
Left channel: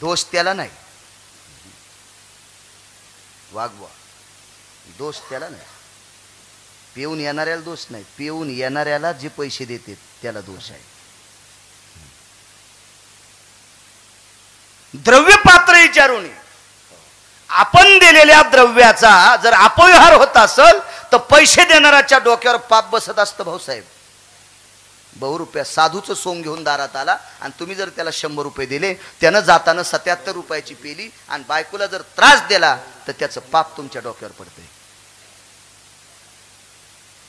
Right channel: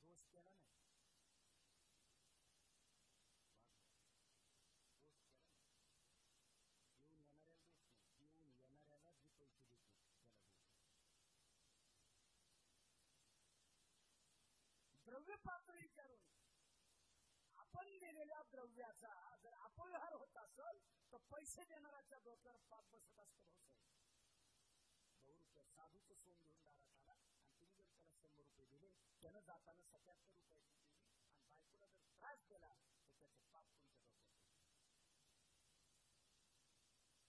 दोष त्याला नाही, वागवा, दोष त्याला नाही. पिऊन येणाऱ्याला दोष नाही, पिऊन येणाऱ्याला जे पैसे देते त्याला दोष आहे. द्रव्य पात्र विचारून आपण दिलेल्या द्रव्याचा जर अपव्यवहार होत असेल तर पैसे देणाऱ्याच्या डोक्यावर पाप बसत असतं. भाऊसाहेब, ₹100 साधूचं सोंग घेऊन दारात आला आणि तुम्ही जर त्याला 100 रुपये दिले, त्यानं जाताना 77 रुपयाची पेली आणि बायकोला जर त्रास दिला तर त्याचं पाप तुमच्या डोक्यावर पडतंय.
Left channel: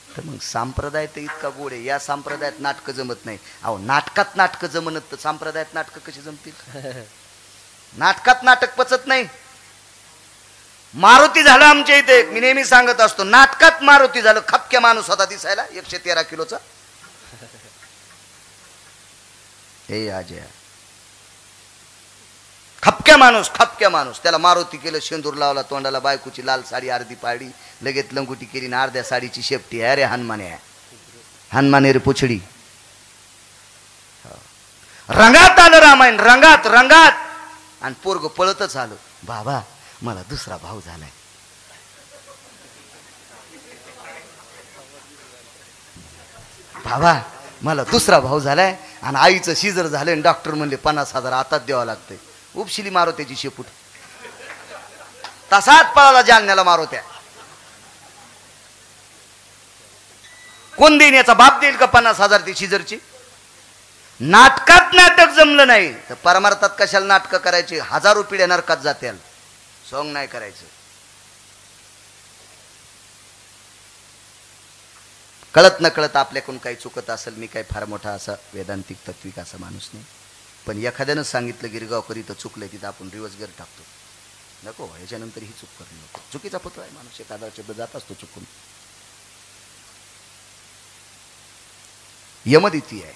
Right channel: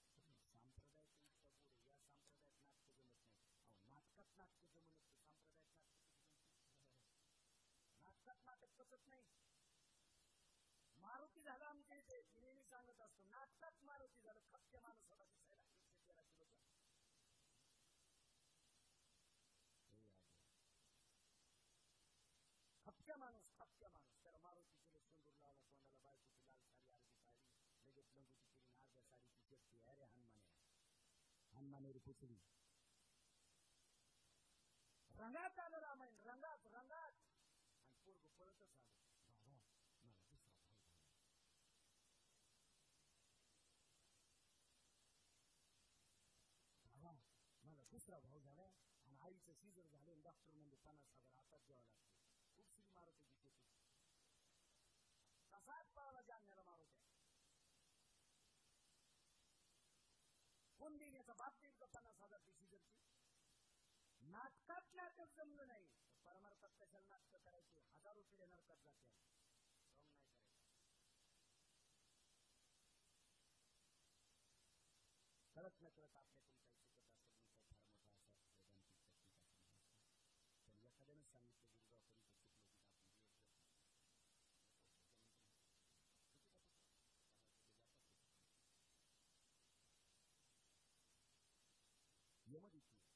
तर मग संप्रदाय तर इतका गोड आहे. या संप्रदायात नाटकं जमत नाही. अहो, नाटकात नाटकं जमत तर संप्रदायात नाटकं कशी जमतील? नाटकात नाटक पचत नाही. मारुती झालं आमच्या इथे, मी नेहमी सांगत असतो, नाटकात मारुती झालं. खपक्या माणूस होता दिसायला, 113 किलोचा. हे अजय, खपक्या माणूस, त्याला मारुती केलं, शेंदूर लावला तोंडाला, बायकोची लाल साडी अर्धी पाडी, लगेच लंगुटी केली ना अर्ध्या साडीची शेपटी. अरे हनुमाने रे पुछडी. रंगात आलं रामायण, रंगात आणि पोरग पळतच आलं, बाबा मला दुसरा भाऊ झालाय. बाबा मला दुसरा भाऊ झालाय आणि आईचं शिजर झालंय. डॉक्टर म्हणले 50,000 आताच द्यावं लागतंय. उपशिली मारुत्याची शेपूट, तसाच पळाला जालन्याला मारुत्या. कोण देईन? याचा बाप देईल का 50,000 ती शिजरची? नाटकात नाटक जमलं नाही तर परमार्थात कशाला नाटकं करायची? 1000 पिढ्या नरकात जात्याल. सोंग नाही करायचं. कळत न कळत आपल्याकडून काही चुकत असेल, मी काही फार मोठा असा वेदांतिक तत्विक असा माणूस नाही, पण एखाद्यानं सांगितलं गिरगावकरी तर चुकलंय, तिथं आपण रिवर्स गर टाकतो. नको, ह्याच्यानंतर ही चूक करू नको. चुकीचा पुत्र आहे माणूस, एखादा शब्द जात असतो चुकून. यमदिती आहे.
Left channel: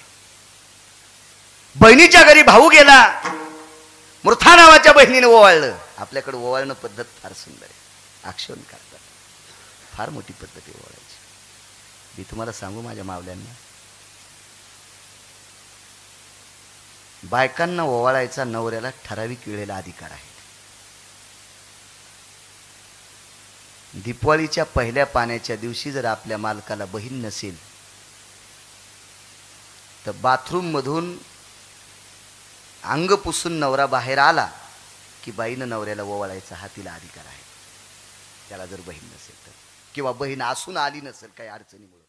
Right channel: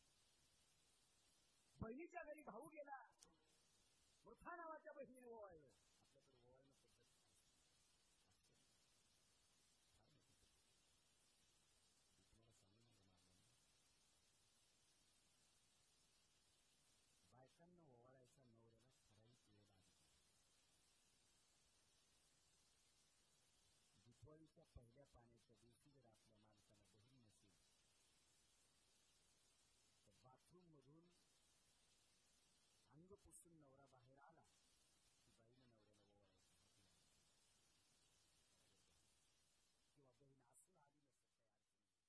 बहिणीच्या घरी भाऊ गेला, मृथा नावाच्या बहिणीने ओवाळलं. आपल्याकडे ओवाळणं पद्धत फार सुंदर आहे, आक्षेपण करतात. फार मोठी पद्धत आहे ओवाळायची. मी तुम्हाला सांगू माझ्या मावल्यांना, बायकांना ओवाळायचा नवऱ्याला ठराविक वेळेला अधिकार आहे. दीपावलीच्या पहिल्या पाण्याच्या दिवशी जर आपल्या मालकाला बहीण नसेल तर बाथरूम मधून अंग पुसून नवरा बाहेर आला की बाईनं नवऱ्याला ओवाळायचा हा तिला अधिकार आहे. त्याला जर बहीण नसेल तर, किंवा बहीण असून आली नसेल काही अडचणीमुळे.